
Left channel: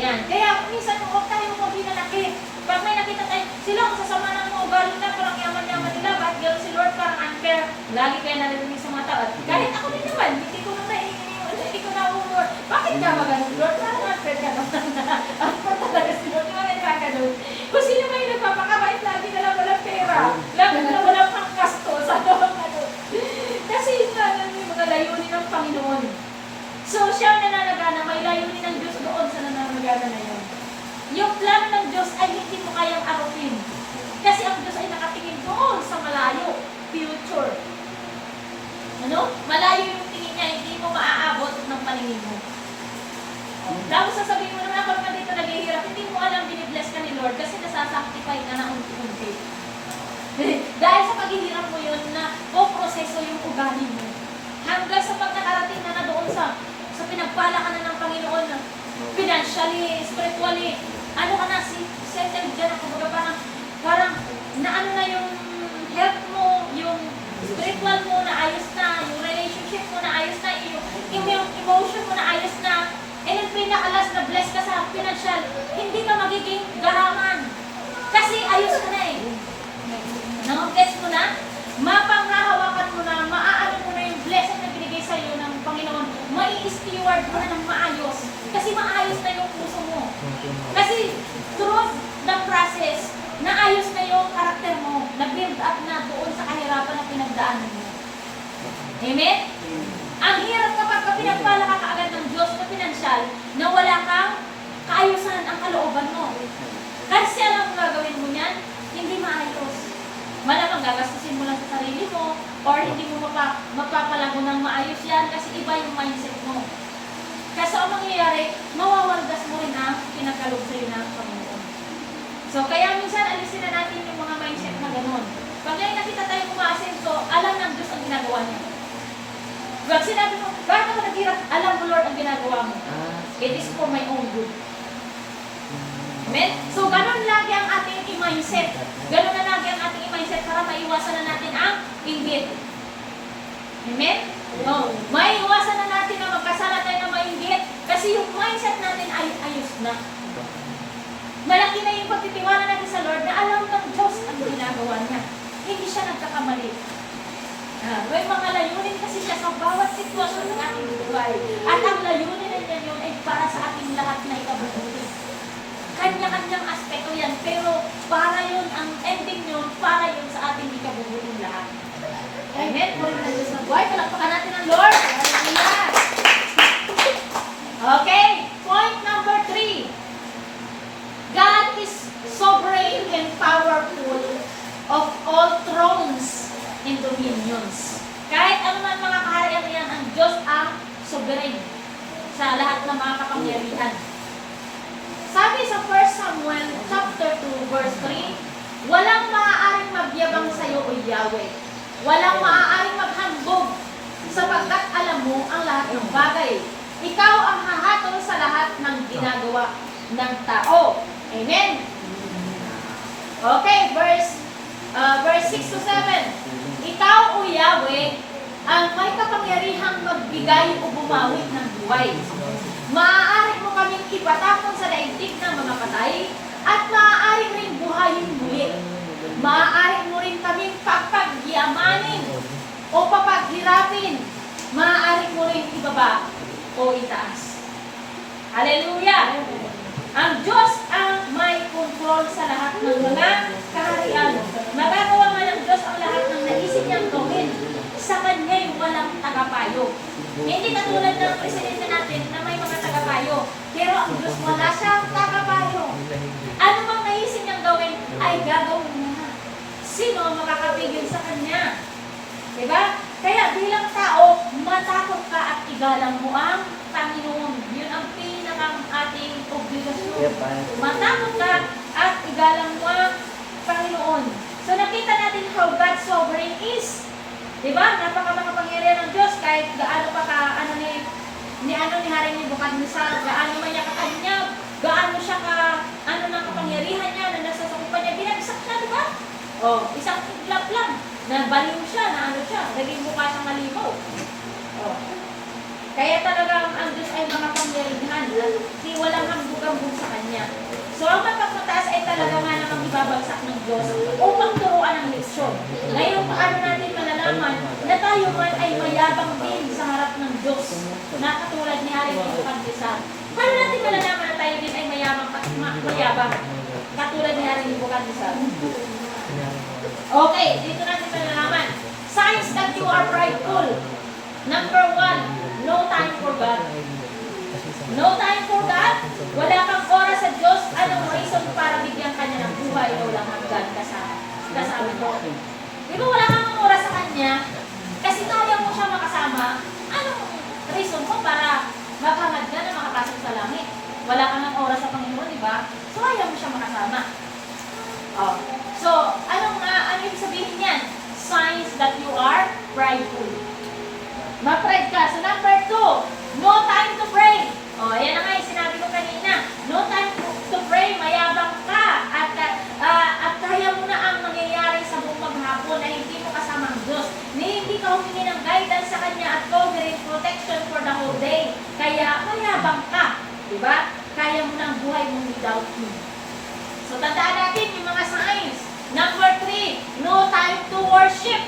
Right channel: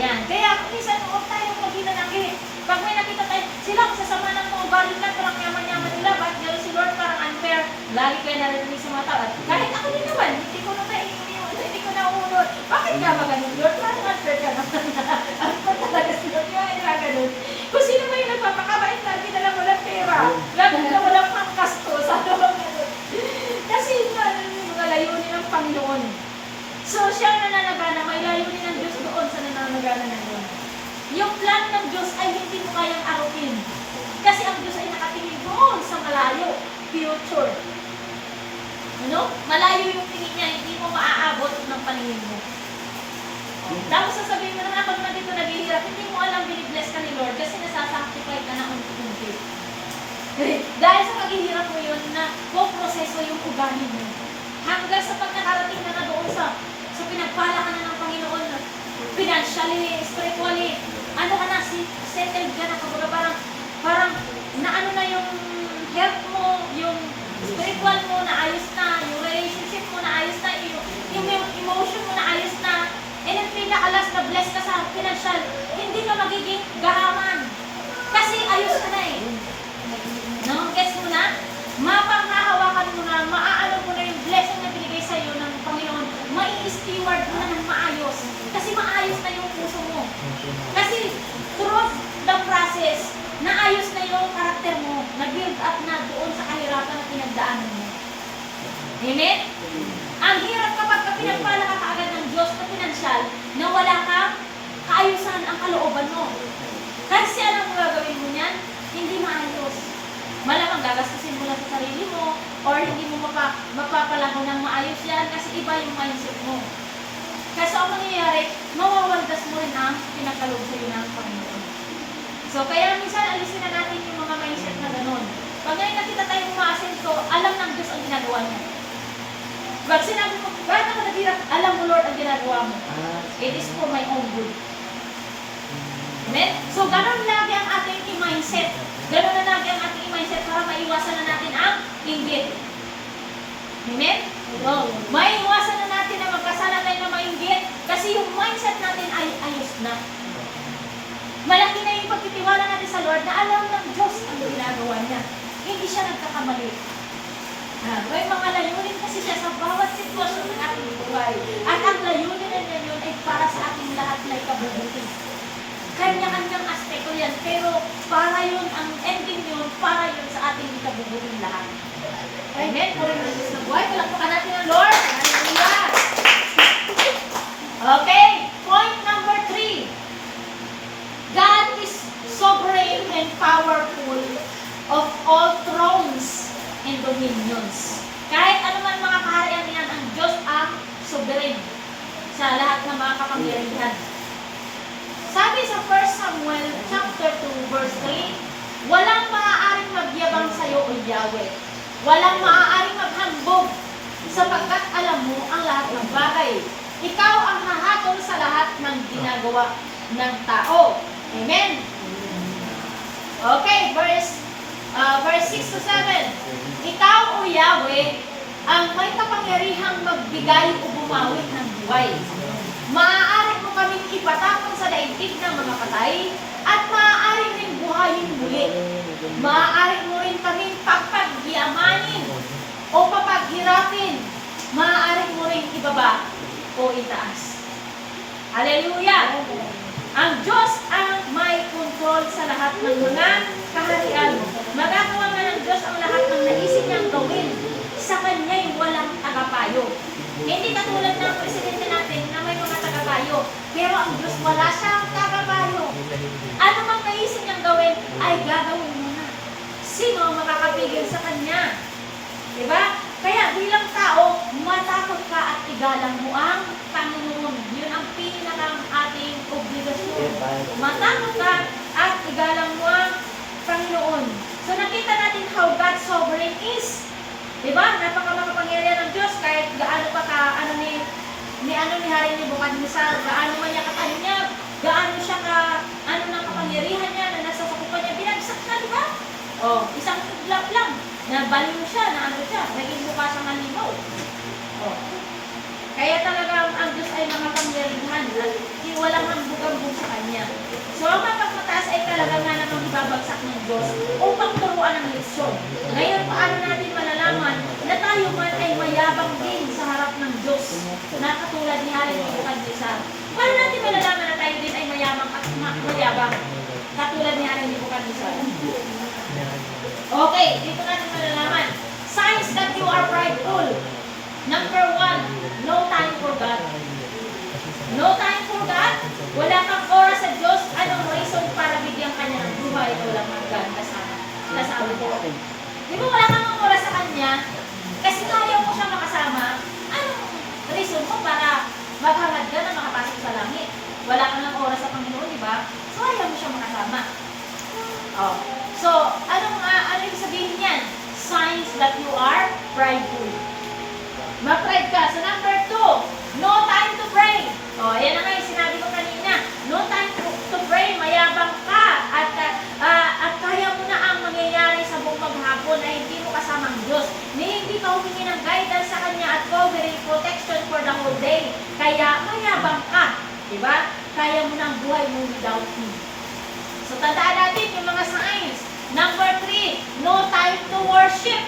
Yan. Kaya minsan huwag tayong maghinanakit. Pag may nakita tayo, sila ang sasama ng mga ugali na, parang yaman-yaman nila, bakit gano'n si Lord parang unfair. Lagi kaya narinig sa mga tao. Kahit ako din naman, hindi ko na hindi ko naunod. Bakit nga maganon, Lord? Parang unfair ka naman na. Ako talaga si Lord, yung ano ka doon. Kung sino ba yung nagpapakabait, lagi na lang walang pera. Lagi na walang pangkastos. Ano ba doon? Kasi yun nga, yung mga layunin ng Panginoon. So, siya ang nananagana, may layunin ng Diyos doon sa nananagana na yun. Yung plano ng Diyos ay hindi mo kayang arupin. Kasi ang Diyos ay nakatingin doon sa malayo, future. Ano? Malayo yung tingin niya, hindi mo maaabot ng paningin mo. Tapos sasabihin mo na ako naman dito naghihirap, hindi mo alam binibless ka ni Lord kasi nasasanctify ka na unti-unti. Dahil sa paghihirap mo yun na proseso yung ugali mo. Hanggang sa pagkakarating na doon sa pinagpala ka na ng Panginoon na financially, spiritually, ano ka na, settled ka na, kumbaga parang naano na yung health mo, yung spiritual mo na ayos na, yung relationship mo na ayos na, yung emotion mo na ayos na, and ang pinakalas na bless ka sa financial, hindi ka magiging gahaman. Kasi ayos ka na eh. Nang-guess mo na, mapanghahawakan mo na, maaano mo na yung blessing na binigay sa iyo ng Panginoon, mai-steward mo na ng maayos. Kasi maayos na yung puso mo. Kasi through the process, naayos na yung karakter mo, nag-build up na doon sa kahirapan na pinagdaanan mo. Amen? Ang hirap kapag pinagpala ka kaagad ng Diyos na pinansyal na wala kang kaayusan ang kalooban mo. Kasi alam mo gagawin mo niyan, hindi maayos. Malamang gagastusin mo lang sa sarili mo or hindi mo mapapalago ng maayos yan kasi iba yung mindset mo. Kasi ang mangyayari, mawawaldas mo rin ang pinagkalog sa iyo ng Panginoon. So, kaya minsan alisin na natin yung mga mindset na gano'n. Pag ngayon nakita tayo umaasenso, alam ng Diyos ang ginagawa niya. Pag sinabi mo, bakit ako naghirap? Alam mo, Lord, ang ginagawa mo. It is for my own good. Amen? So, gano'n lagi ang ating mindset. Gano'n na lagi ang ating mindset para maiwasan na natin ang inggit. Amen? No. Maiwasan na natin na magkasala tayo na mainggit kasi yung mindset natin ay ayos na. Malaki na yung pagtitiwala natin sa Lord na alam ng Diyos ang ginagawa niya. Hindi siya nagkakamali. May mga layunin kasi siya sa bawat sitwasyon ng ating buhay. At ang layunin na yun ay para sa ating lahat na ikabubuti. Kanya-kanyang aspekto yan, pero para yun, ang ending yun, para yun sa ating ikabubuting lahat. Amen? Puri ng Diyos ng buhay. Palakpakan natin ang Lord. Hallelujah! Okay, point number 3. God is sovereign and powerful of all thrones and dominions. Kahit anuman mga kaharian yan, ang Diyos ang sovereign sa lahat ng mga kapangyarihan. Sabi sa 1 Samuel chapter 2 verse 3, walang maaaring magyabang sa iyo, O Yahweh. Walang maaaring maghandog sapagkat alam mo ang lahat ng bagay. Ikaw ang hahatol sa lahat ng ginagawa ng tao. Amen? Okay, verse 6 to 7. Ikaw, O Yahweh, ang may kapangyarihang magbigay o bumawi ng buhay. Maaari mo kaming ipatapon sa daigdig ng mga patay at maaari rin buhayin muli. Maaari mo rin kaming pagpagyamanin o papaghirapin. Maaari mo rin ibaba o itaas. Hallelujah! Ang Diyos ang may kontrol sa lahat ng mga kaharian. Magagawa man ng Diyos ang lahat ng naisip niyang gawin. Sa Kanya'y walang tagapayo. Hindi katulad ng presidente natin na may mga tagapayo. Pero ang Diyos wala siyang tagapayo. Ano mang naisip niyang gawin ay gagawin niya na. Sino ang makakapigil sa Kanya? Diba? Kaya bilang tao, matakot ka at igalang mo ang Panginoon. Yun ang pinakang ating obligasyon. Matakot ka at igalang mo ang Panginoon. So nakita natin how God's sovereign is. Diba? Napaka-makapangyarihan ng Diyos kahit gaano pa ka, ni Hari Nebuchadnezzar, gaano man niya kakanyag, gaano siya ng kapangyarihan niya na nasa sakupan niya, binagsak siya, diba? Isang iglap lang. Nabaliw siya, naging mukha siyang malimaw. Kaya talagang ang Diyos ay mga pangyarihan at walang hambog-hambog sa Kanya. So ang mapagmataas ay talaga nga namang ibabagsak ng Diyos upang turuan ang leksyon. Ngayon, paano natin malalaman na tayo man ay mayabang din sa harap ng Diyos na katulad ni Hari Nebuchadnezzar? Paano natin malalaman na tayo din ay mayabang katulad ni Hari Nebuchadnezzar? Okay, dito natin malalaman. Signs that you are prideful. Number 1, no time for God. No time for God. Wala kang oras sa Diyos. Anong reason para bigyan ka niya ng buhay? Walang hanggan kasama. kasama niya. Di ba wala kang oras sa kanya? Kasi ayaw mo siya makasama. Anong reason mo para maghangad ka na makapasok sa langit? Wala kang ng oras sa Panginoon, di ba? So ayaw mo siya makasama. Oh. So, ano ibig sabihin niyan? Signs that you are prideful. Ma-pride ka. So, number 2, no time to pray. O, ayan na nga yung sinabi ko kanina. No time to pray, mayabang ka. At kaya mo na ang mangyayari sa buong maghapon na hindi mo kasama ang Diyos. Na hindi ka humingi ng guidance sa Kanya at covering protection for the whole day. Kaya mayabang ka. Diba? Kaya mo na ang buhay mo without Him. So, tandaan natin yung mga signs. Number 3, no time to worship.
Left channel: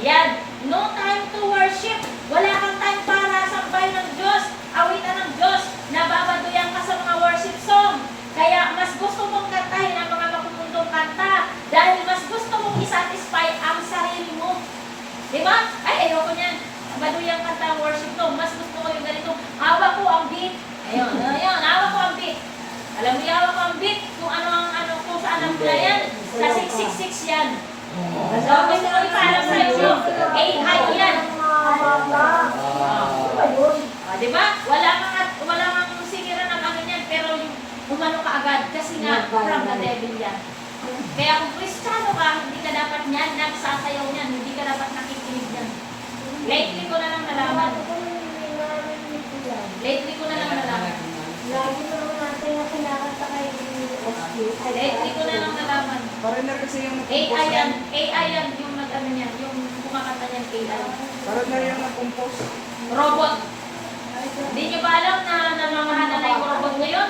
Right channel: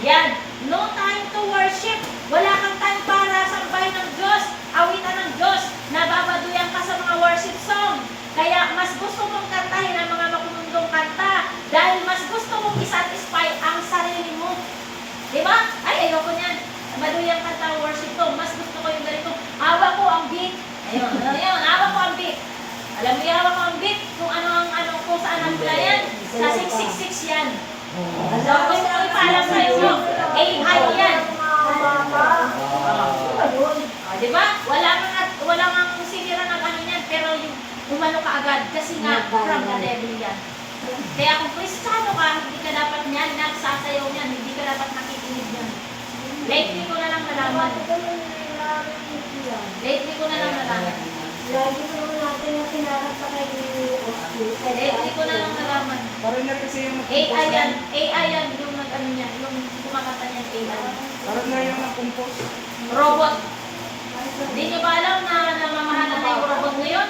Yan. No time to worship. Wala kang time para sambahin ng Diyos, awitan ng Diyos, nababaduyan ka sa mga worship song. Kaya mas gusto mong kantahin ang mga makumundong kanta dahil mas gusto mong isatisfy ang sarili mo. Diba? Ay, ayoko niyan. Baduyan kanta worship song. Mas gusto ko yung ganito. Hawak ko ang beat. Ayun, hawak ko ang beat. Alam mo yung hawak ko ang beat kung kung saan ang mula yan. Sa 666 yan. So, gusto ko ipaalam sa iyo. AI yan. Diba? Wala kang sinira ng ano yan, pero yung umano ka agad. Kasi nga, from the devil yan. Kaya kung Kristiyano ka, hindi ka dapat niyan, nagsasayaw niyan, hindi ka dapat nakikinig yan. Lately ko na lang nalaman. Lately ko na lang nalaman. Lagi mo naman natin na kinakanta kay Oscar. Lately ko na lang nalaman. Foreigner kasi yung AI yan. AI yan yung ano niya, yung kumakanta niyan AI. Foreigner yung nag-compose. Robot. Hindi niyo ba alam na namamahala na yung robot ngayon?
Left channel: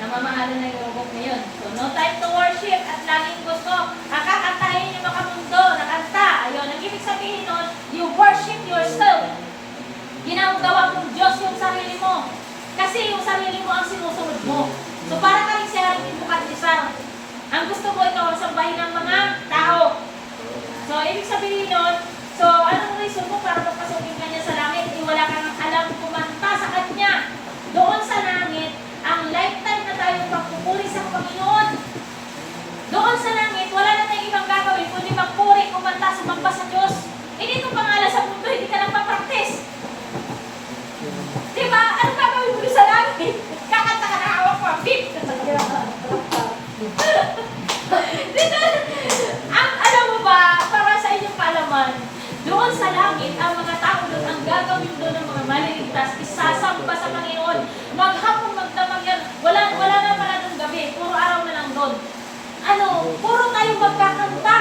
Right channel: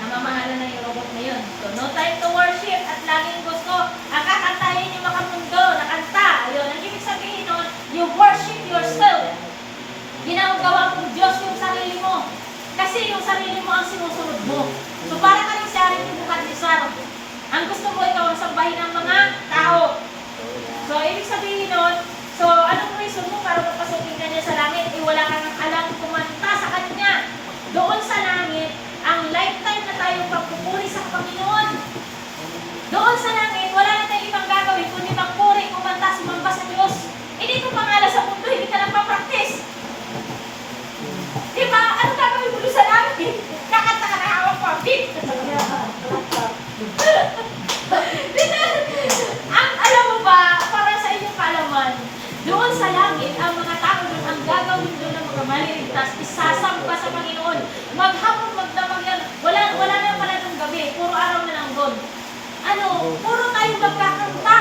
Namamahala na yung robot ngayon. So, no time to worship at laging gusto. Akakantahin yung makamundo na kanta. Ayun, ang ibig sabihin nun, you worship yourself. Ginagawa mo Diyos yung sarili mo. Kasi yung sarili mo ang sinusunod mo. So, para kami si Haring Nebukadnesar. Ang gusto mo ikaw ang sambahin ng mga tao. So, ibig sabihin nun, so, anong reason mo para magpasukin ka niya sa langit? Wala kang alam kumanta sa Kanya. Doon sa langit, ang lifetime na tayong pagpupuri sa Panginoon. Doon sa langit, wala na tayong ibang gagawin kundi magpuri, kumanta, sumamba sa Diyos. Eh, dito pangalan sa mundo, hindi ka lang pa-practice. Diba? Ano gagawin mo doon sa langit? Kakanta ka na hawak ko. Alam mo ba, para sa inyong kaalaman, doon sa langit, ang mga tao doon, ang gagawin doon ng mga maliligtas, isasamba sa Panginoon. Maghapon, magdamag yan. Wala na pala ng gabi. Puro araw na lang doon. Puro tayo magkakanta.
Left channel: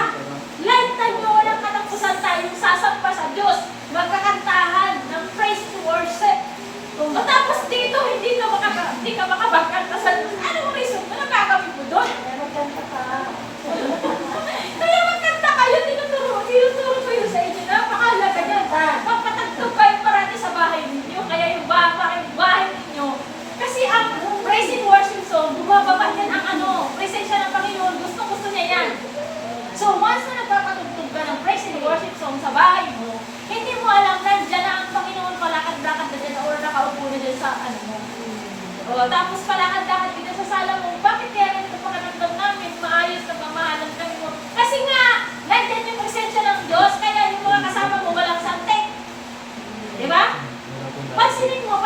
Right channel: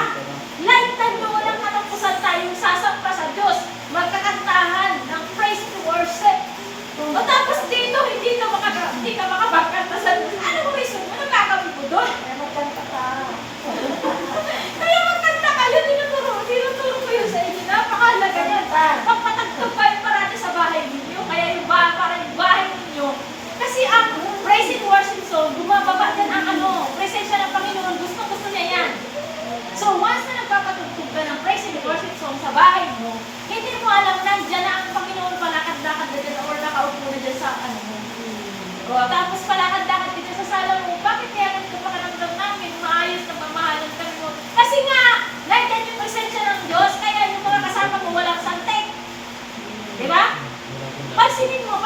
Lifetime nyo walang katapusan tayong sasamba sa Diyos. Magkakantahan ng praise to worship. Tapos dito, hindi ka makabagkanta sa Diyos. Ano reason mo? Anong gagawin mo doon? Magkanta ka. Kaya magkanta kayo, tinuturo ko yun sa inyo. Napakahalaga yan. Papatagtog kayo parati sa bahay ninyo. Kaya yung bahay ninyo. Kasi ang praise and worship song, bumababa yan ang presensya ng Panginoon. Gusto niya yan. So once na nagpapatugtog ka ng praise and worship song sa bahay mo, hindi mo alam nandiyan na ang Panginoon palakad-lakad na dyan or nakaupo na dyan sa mo. Tapos palakad-lakad ka dyan sa sala mo. Bakit kaya ganito pakiramdam namin? Maayos na pamahalan ka mo. Kasi nga, nandiyan yung presensya ng Diyos, kaya yung mga kasama mo walang santek. Diba? Pansinin mo,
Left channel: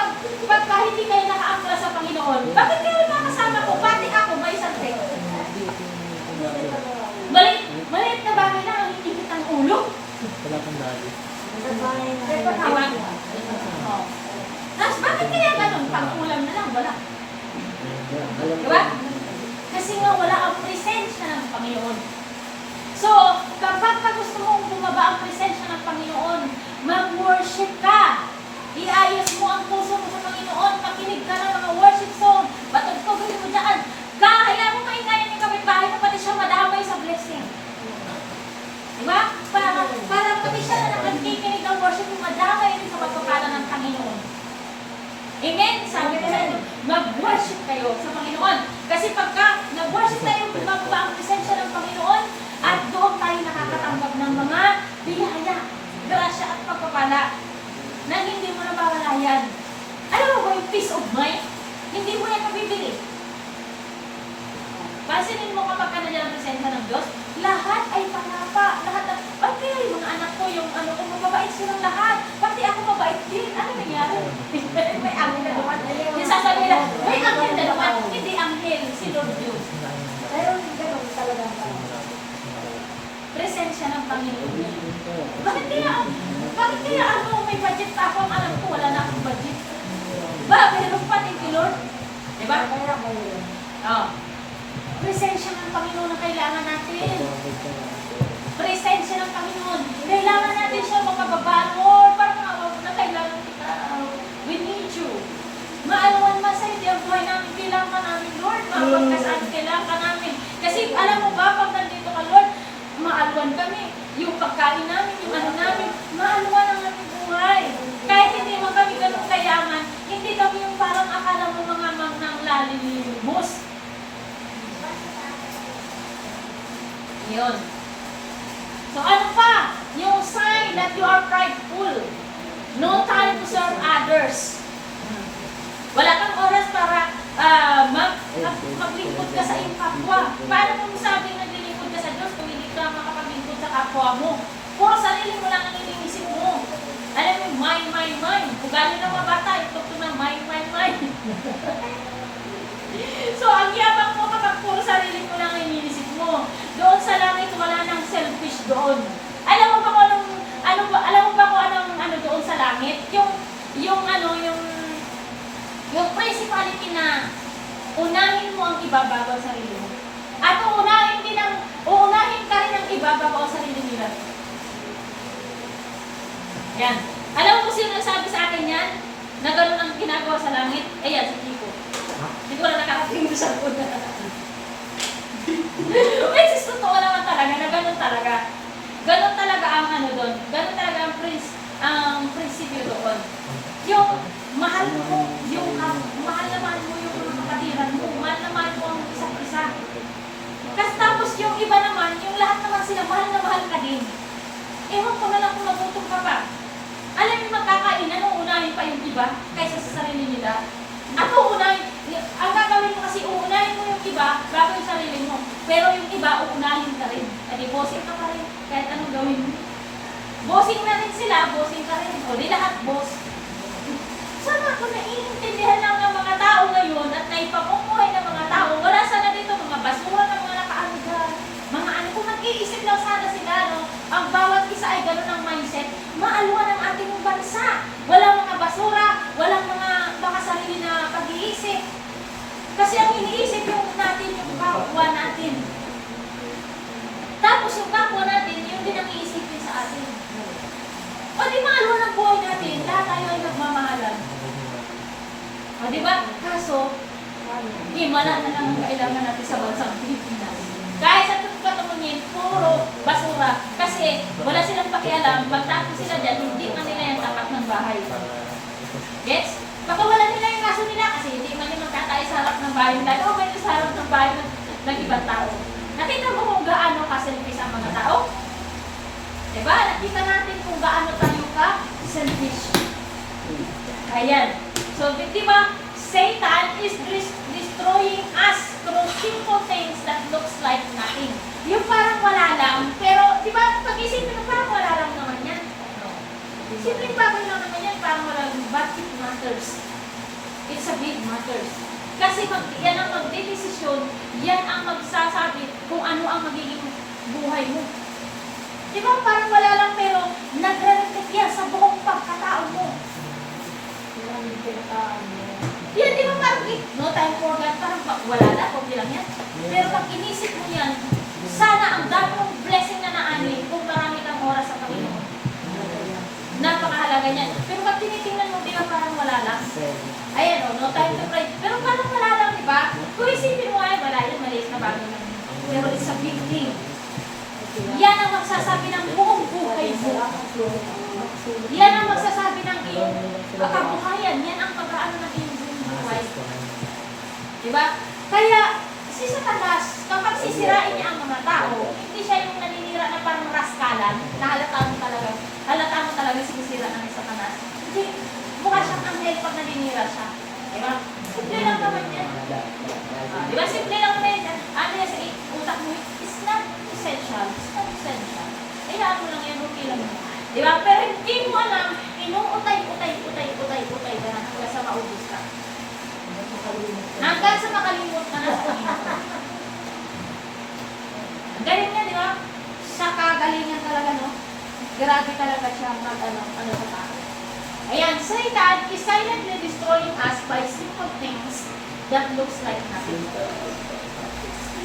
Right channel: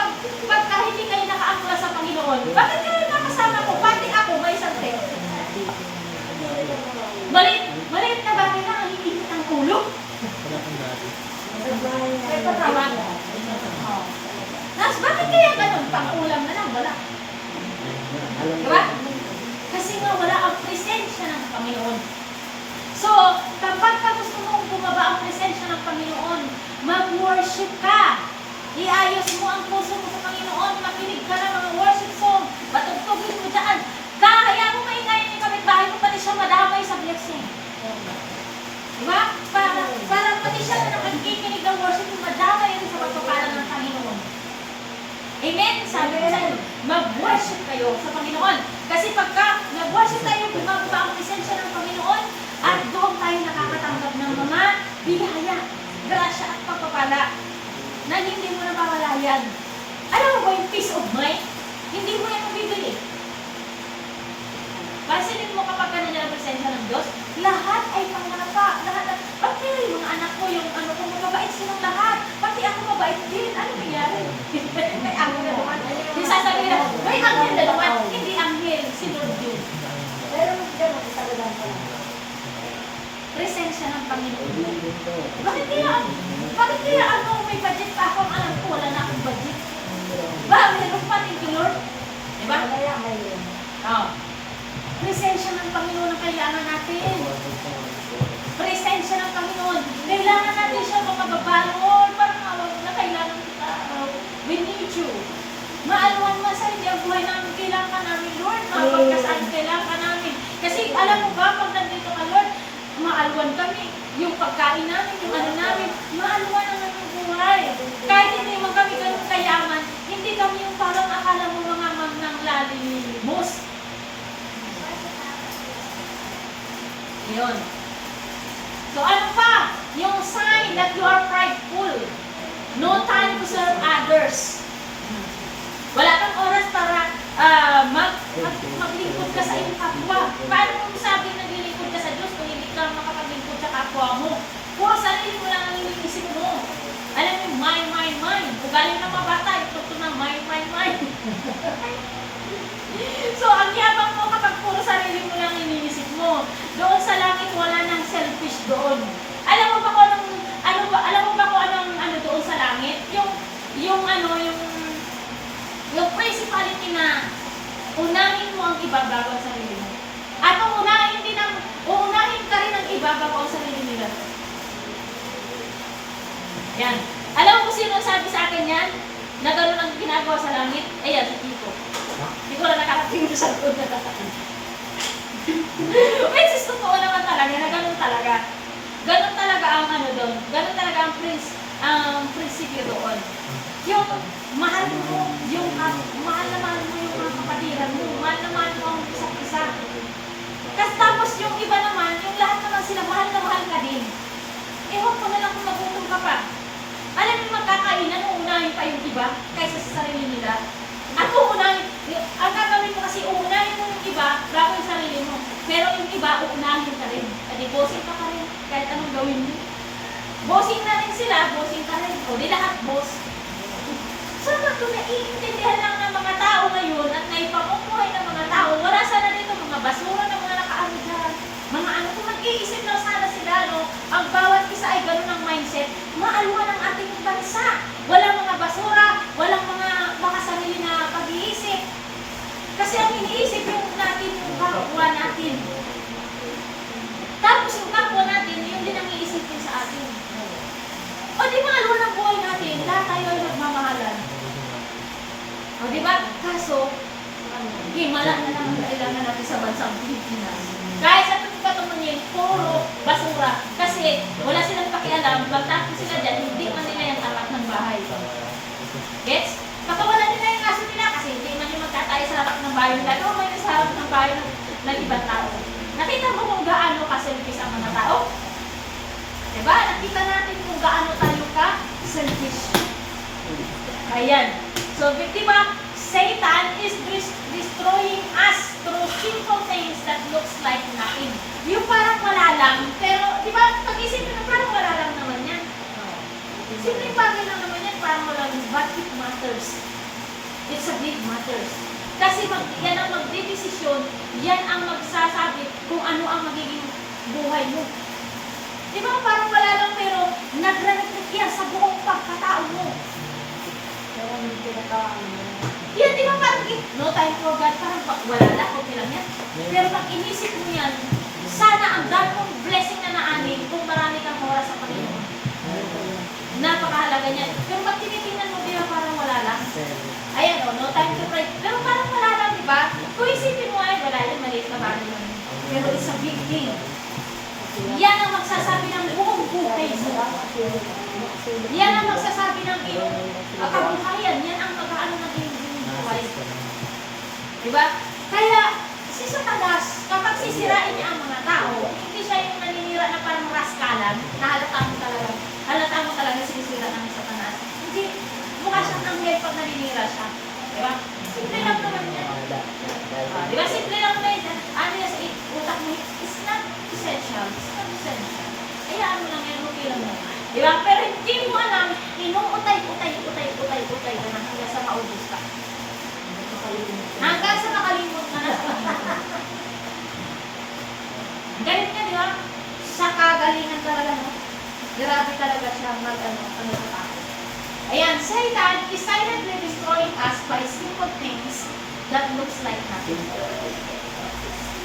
pagka hindi kayo nakaangkla sa Panginoon, bakit kayo nakasama ko? Pati ako, may santek. Maliit na bagay na ang hihigit ang ulo. Wala kang dati. Ito tawag. Tapos bakit kaya ganun? Pang-ulam na lang, wala. Diba? Kasi nga wala ang presensya ng Panginoon. So, kapag gusto mong bumaba ang presensya ng Panginoon, mag-worship ka. Iayos mo ang puso mo sa Panginoon, makinig ka ng mga worship song, matugtugin mo dyan. Kaya mo kaingayan yung kapitbahay mo, pati siya madamay sa blessing. Diba? Para pati siya na nagkikinig ng worship mo, madamay rin sa pagpapala ng Panginoon. Amen? Sabi ko sa inyo, mag-worship kayo sa Panginoon. Kasi pagka nag-worship tayo, bumababa ang presensya ng Panginoon, at doon tayo nakakatanggap ng mga biyaya, grasya at pagpapala na hindi mo nabawalayan. Alam mo ba yung peace of mind? Hindi mo yan mabibili. Pansinin mo kapag ka nandiyan ang presensya ng Diyos, lahat ay panapa. Lahat ay, ba't kaya yung mga anak ko, yung ano ko, mababait silang lahat. Pati ako mabait din. Ano nangyari? May angel na naman. Yung sasabihin nila, may angel na naman. Hindi angel, si Lord yun. Pero ganun talaga. Presensya ng Panginoon. Bakit kaya ano, may budget pa ako, ang anak ko, wala na akong budget. Ba, meron pa din Lord. Diba? Kaya ngayon. Oh. Presensya ng Panginoon na kailangan natin. Presensya ng Panginoon. Kailangan natin siya mga babalon. Parang awag na kailangan kita. We need you. Maalawan sa hindi ang buhay namin. Kailangan namin, Lord. Mapagkasaan kailangan namin. Kasi alam mo ba, pag nandito ka, Lord, maalawan kami. Yung pagkain namin, yung ano namin, maalawan ang aming buhay. Kahit hindi mo kami ganun kayaman, hindi kami yung parang akala mo mga magnang lalimos. Yun. So ano pa? Yung sign that you are prideful. No time to serve others. Wala kang oras para maglingkod ka sa iyong kapwa. Paano mo masabing naglilingkod ka sa Diyos kung hindi ka makapaglingkod sa kapwa mo? Puro sarili mo lang ang iniisip mo. Alam mo, mine. Ugali ng mga bata, ito na mine. So, ang yabang mo kapag puro sarili mo lang iniisip mo. Doon sa langit, wala nang selfish doon. Alam mo ba kung anong ano doon sa langit? Yung principality na unahin mo ang iba bago ang sarili mo. At uunahin ka rin ang iba bago ang sarili nila. Yan. Alam mo kung sino sabi sa akin yan? Na gano'n ang ginagawa sa langit? Ayan, si Kiko. Hindi ko na nakarating doon sa doon. Which is totoo naman talaga, na gano'n talaga. Gano'n talaga ang ano doon. Gano'n talaga ang prinsipyo doon. Yung mahal mo yung mga kapatiran mo. Mahal na mahal mo ang isa't isa. Kasi tapos yung iba naman, yung lahat naman sila, mahal na mahal ka din. Ewan ko na lang kung magutom ka pa. Alam niyo magkakainan, uunahin pa yung iba kaysa sa sarili nila. At ang gagawin mo kasi uunahin mo yung iba bago yung sarili mo. Pero yung iba, uunahin ka rin. Adi, bossing ka pa rin kahit anong gawin mo. Bossing na rin sila, bossing ka rin. O, di lahat boss. Sana kung naiintindihan lang ng mga tao ngayon at naipamumuhay ng mga tao, wala sana dito mga basura ng mga nakaano dyan. Mga ano, kung mag-iisip lang sana sila, no? Ang bawat isa ay ganun ang mindset, maalwan ang ating bansa. Walang mga basura, walang mga sarili na pag-iisip. Kasi ang iniisip yung natin, yung kapwa natin. Tapos yung kapwa natin, yun din ang iisipin sa atin. O di maalwan ang buhay natin, lahat tayo ay nagmamahalan. O di ba? Kaso, himala na naman kailangan natin sa bansang Pilipinas. Kahit sa patungunin, puro basura. Kasi wala silang pakialam, magtapos sila dyan, hindi man nila yung tapat ng bahay. Gets? Baka wala nila yung kaso nila kasi hindi man yung magtatay sa harap ng bahay nila. O may sa harap ng bahay ng ibang tao. Nakita mo kung gaano ka-selfish ang mga tao? Diba? Nakita natin kung gaano tayo ka-selfish. Ayan. So, diba? Satan is destroying us through simple things that looks like nothing. Yung parang wala lang, pero di ba pag-isipin na parang wala lang naman yan. Simpleng bagay lang naman yan, parang wala lang, but it matters. It's a big matters. Kasi yan ang magdedesisyon, yan ang magsasabi kung ano ang magiging buhay mo. Di ba parang wala lang, pero nagre-reflect yan sa buong pagkatao mo. Kaya hindi pinaka-ano. Yan, di ba parang, no time for God, parang wala lang, okay lang yan. Pero pag inisip mo yan, sana ang dami mong blessing na naanin kung marami kang oras sa Panginoon. Napakahalaga niyan. Pero pag tinitingnan mo, di ba parang wala lang? Ayan o, no time to pray. Pero parang wala lang, di ba? Kung isipin mo ay, wala yan, maliit na bagay lang. Pero it's a big thing. Yan ang magsasabi ng buong buhay mo. Yan ang magsasabi ng iyong kabuhayan. Yan ang pag-aano ng iyong buhay. Diba? Kaya, si Satanas, kapag sisirain niya ang mga tao, hindi siya yung naninira na parang raskalan, na halata mo talaga sinisira ng Satanas. Hindi, mukha siyang anghel pag naninira siya. Diba? Simple lang naman yan. Diba? Simple lang naman yan. Ano yan sa utak mo? It's not essential. lang, discouraged siya. Hayaan mo lang yan, okay lang yan. Di ba? Pero hindi mo alam, inuutay ka na hanggang sa maubos ka. Hanggang sa makalimot ka na sa Ang galing niya, di ba? Sa kagalingan talaga, no? Grabe talaga siya ano ka. Ayan, Satan is silently destroying us by simple things that looks like nothing.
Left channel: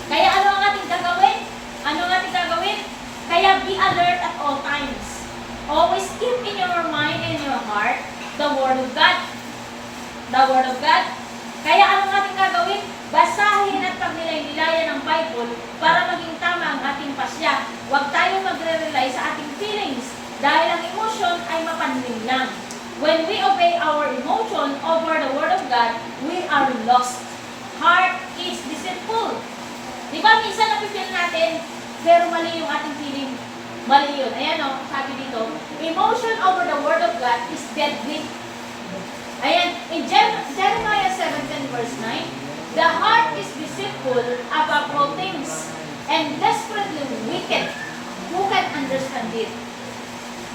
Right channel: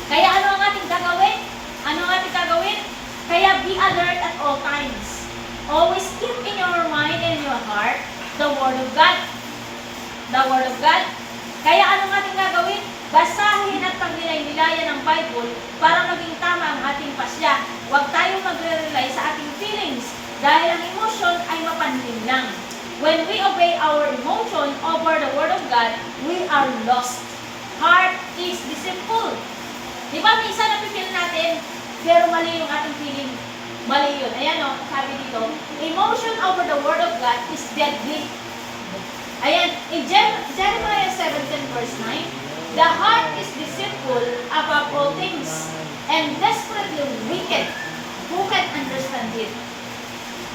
Kaya ano ang ating gagawin? Kaya be alert at all times. Always keep in your mind and your heart the Word of God. The Word of God. Kaya ano ang ating gagawin? Basahin at pagnilay-nilayan ng Bible para maging tama ang ating pasya. Huwag tayong magre-rely sa ating feelings dahil ang emotion ay mapanlim lang. When we obey our emotion over the Word of God, we are lost. Heart is deceitful. Di ba minsan napipil natin, pero mali yung ating feeling. Mali yun. Ayan o, sabi dito, emotion over the Word of God is deadly. Ayan, in Jeremiah 17 verse 9, the heart is deceitful above all things and desperately wicked. Who can understand it?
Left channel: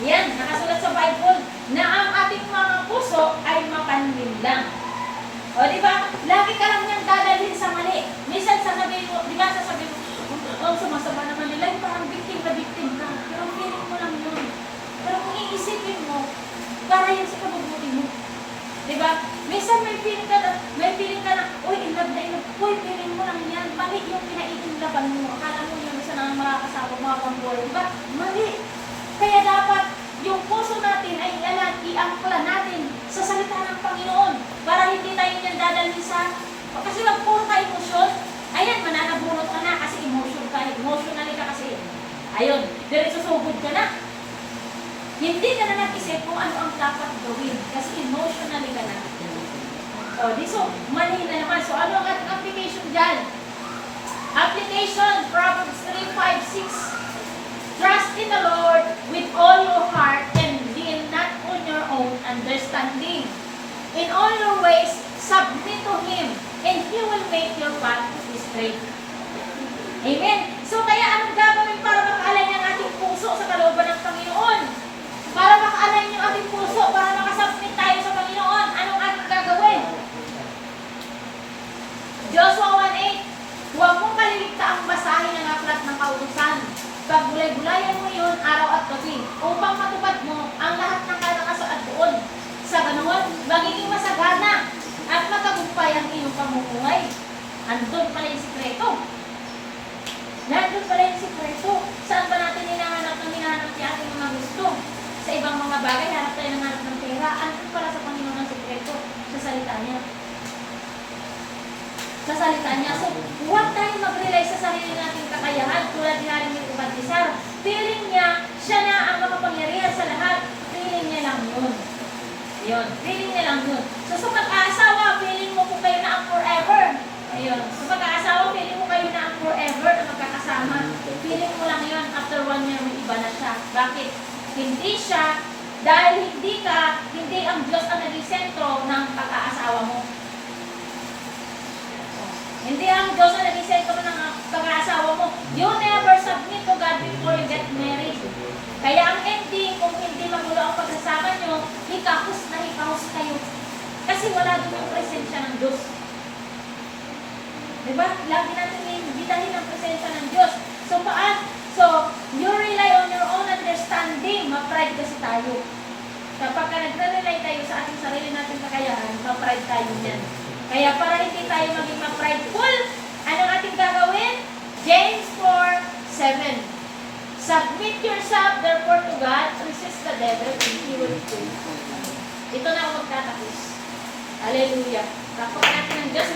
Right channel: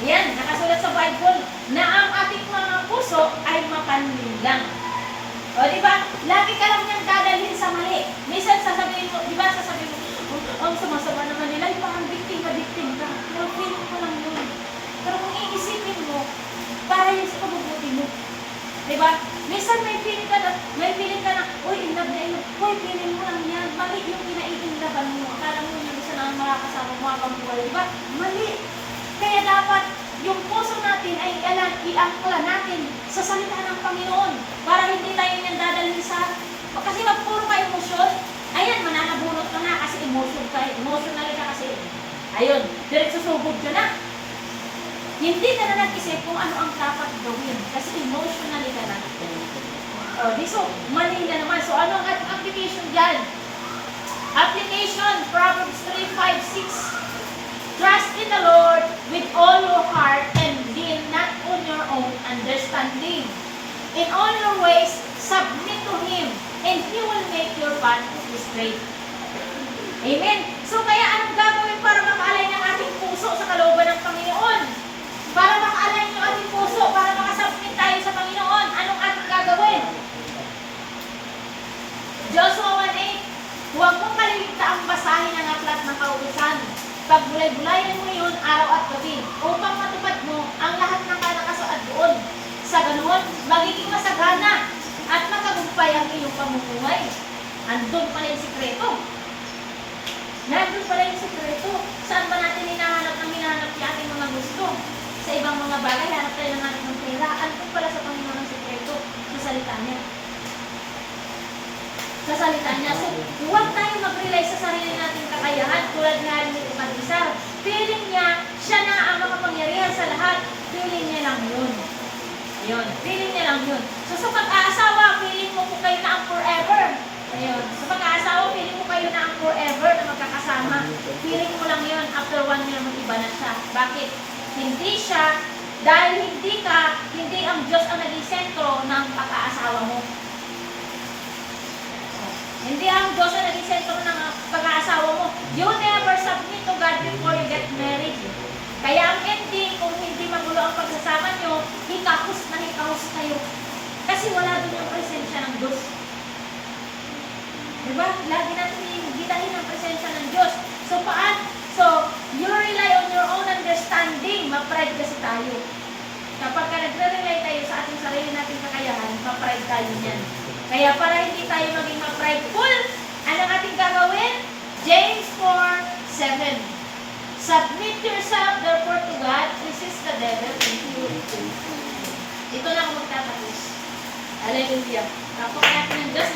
Yan, nakasulat sa Bible na ang ating mga puso ay mapanlim lang. O, di ba? Lagi ka lang niyang dadalhin sa mali. Minsan sasabihin mo, di ba sasabihin mo, oh, sumasama naman nila, parang victim ka. Pero feeling mo lang yun. Pero kung iisipin mo, para yun sa kabubuti mo. Di ba? Minsan may feeling ka na, uy, inlove na inlove. Uy, feeling mo lang yan. Mali yung pinaiinlaban mo. Akala mo yung isa na mga kasama mo habang buhay. Di ba? Mali. Kaya dapat yung puso natin ay iangkula natin sa salita ng Panginoon para hindi tayo nang dadalhin sa kasi wag puro tayo emosyon. Ayan, mananabunot ka na kasi emotional ka kasi. Ayun, diretso sugod ka na. Hindi ka na nag-isip kung ano ang dapat gawin kasi emotionally ka na. O, di so, mali na naman. So, ano ang ating application dyan? Application, Proverbs 3:5-6. Trust in the Lord with all your heart and lean not on your own understanding. In all your ways, submit to Him, and He will make your path straight. Amen? So kaya anong gagawin para makaalay ng ating puso sa kalooban ng Panginoon? Para makaalay ng ating puso, para makasubmit tayo sa Panginoon, anong ating gagawin? Joshua 1:8, huwag mong kaliligtaang basahin ang aklat ng kautusan. Pagbulay-bulayan mo yun araw at gabi upang matupad mo ang lahat ng kalakasan doon. Sa ganoon, magiging masagana at matagumpay ang iyong pamumuhay. Andun pala yung sikreto. Nandun pala yung sikreto. Saan ba natin hinahanap ng ating mga gusto? Sa ibang mga bagay, hanap tayo ng pera. Andun pala sa Panginoon ang sikreto sa salita niya. Sa salita niya. So, huwag tayo mag-rely sa sarili nating kakayahan tulad nga rin ni Pag-isar. Feeling niya, siya na ang makapangyarihan sa lahat. Feeling niya lang yun. Yun. Feeling niya lang yun. So, sa pag-aasawa, feeling mo kung kayo na ang forever. Ayun. Sa pag-aasawa, feeling mo kayo na ang forever na magkakasama. Feeling mo lang yun. After 1 year, mag-iba na siya. Bakit? Hindi siya, dahil hindi ang Diyos ang naging sentro ng pag-aasawa mo. Hindi ang Diyos ang naging sentro ng pag-aasawa mo. You never submit to God before you get married. Kaya ang ending, kung hindi magulo ang pagsasama nyo, hikahos kayo. Kasi wala din ang presensya ng Diyos. Diba? Lagi natin ibitahin ang presensya ng Diyos. So, So, you rely on your own understanding. Ma-pride kasi tayo. Kapag nagre-rely tayo sa ating sarili nating kakayahan, ma-pride tayo niyan. Kaya para hindi tayo maging ma-prideful, anong ating gagawin? James 4:7. Submit yourself therefore to God, resist the devil, and he will flee. Ito na ako magtatapos. Hallelujah. Kapag natin ng Diyos,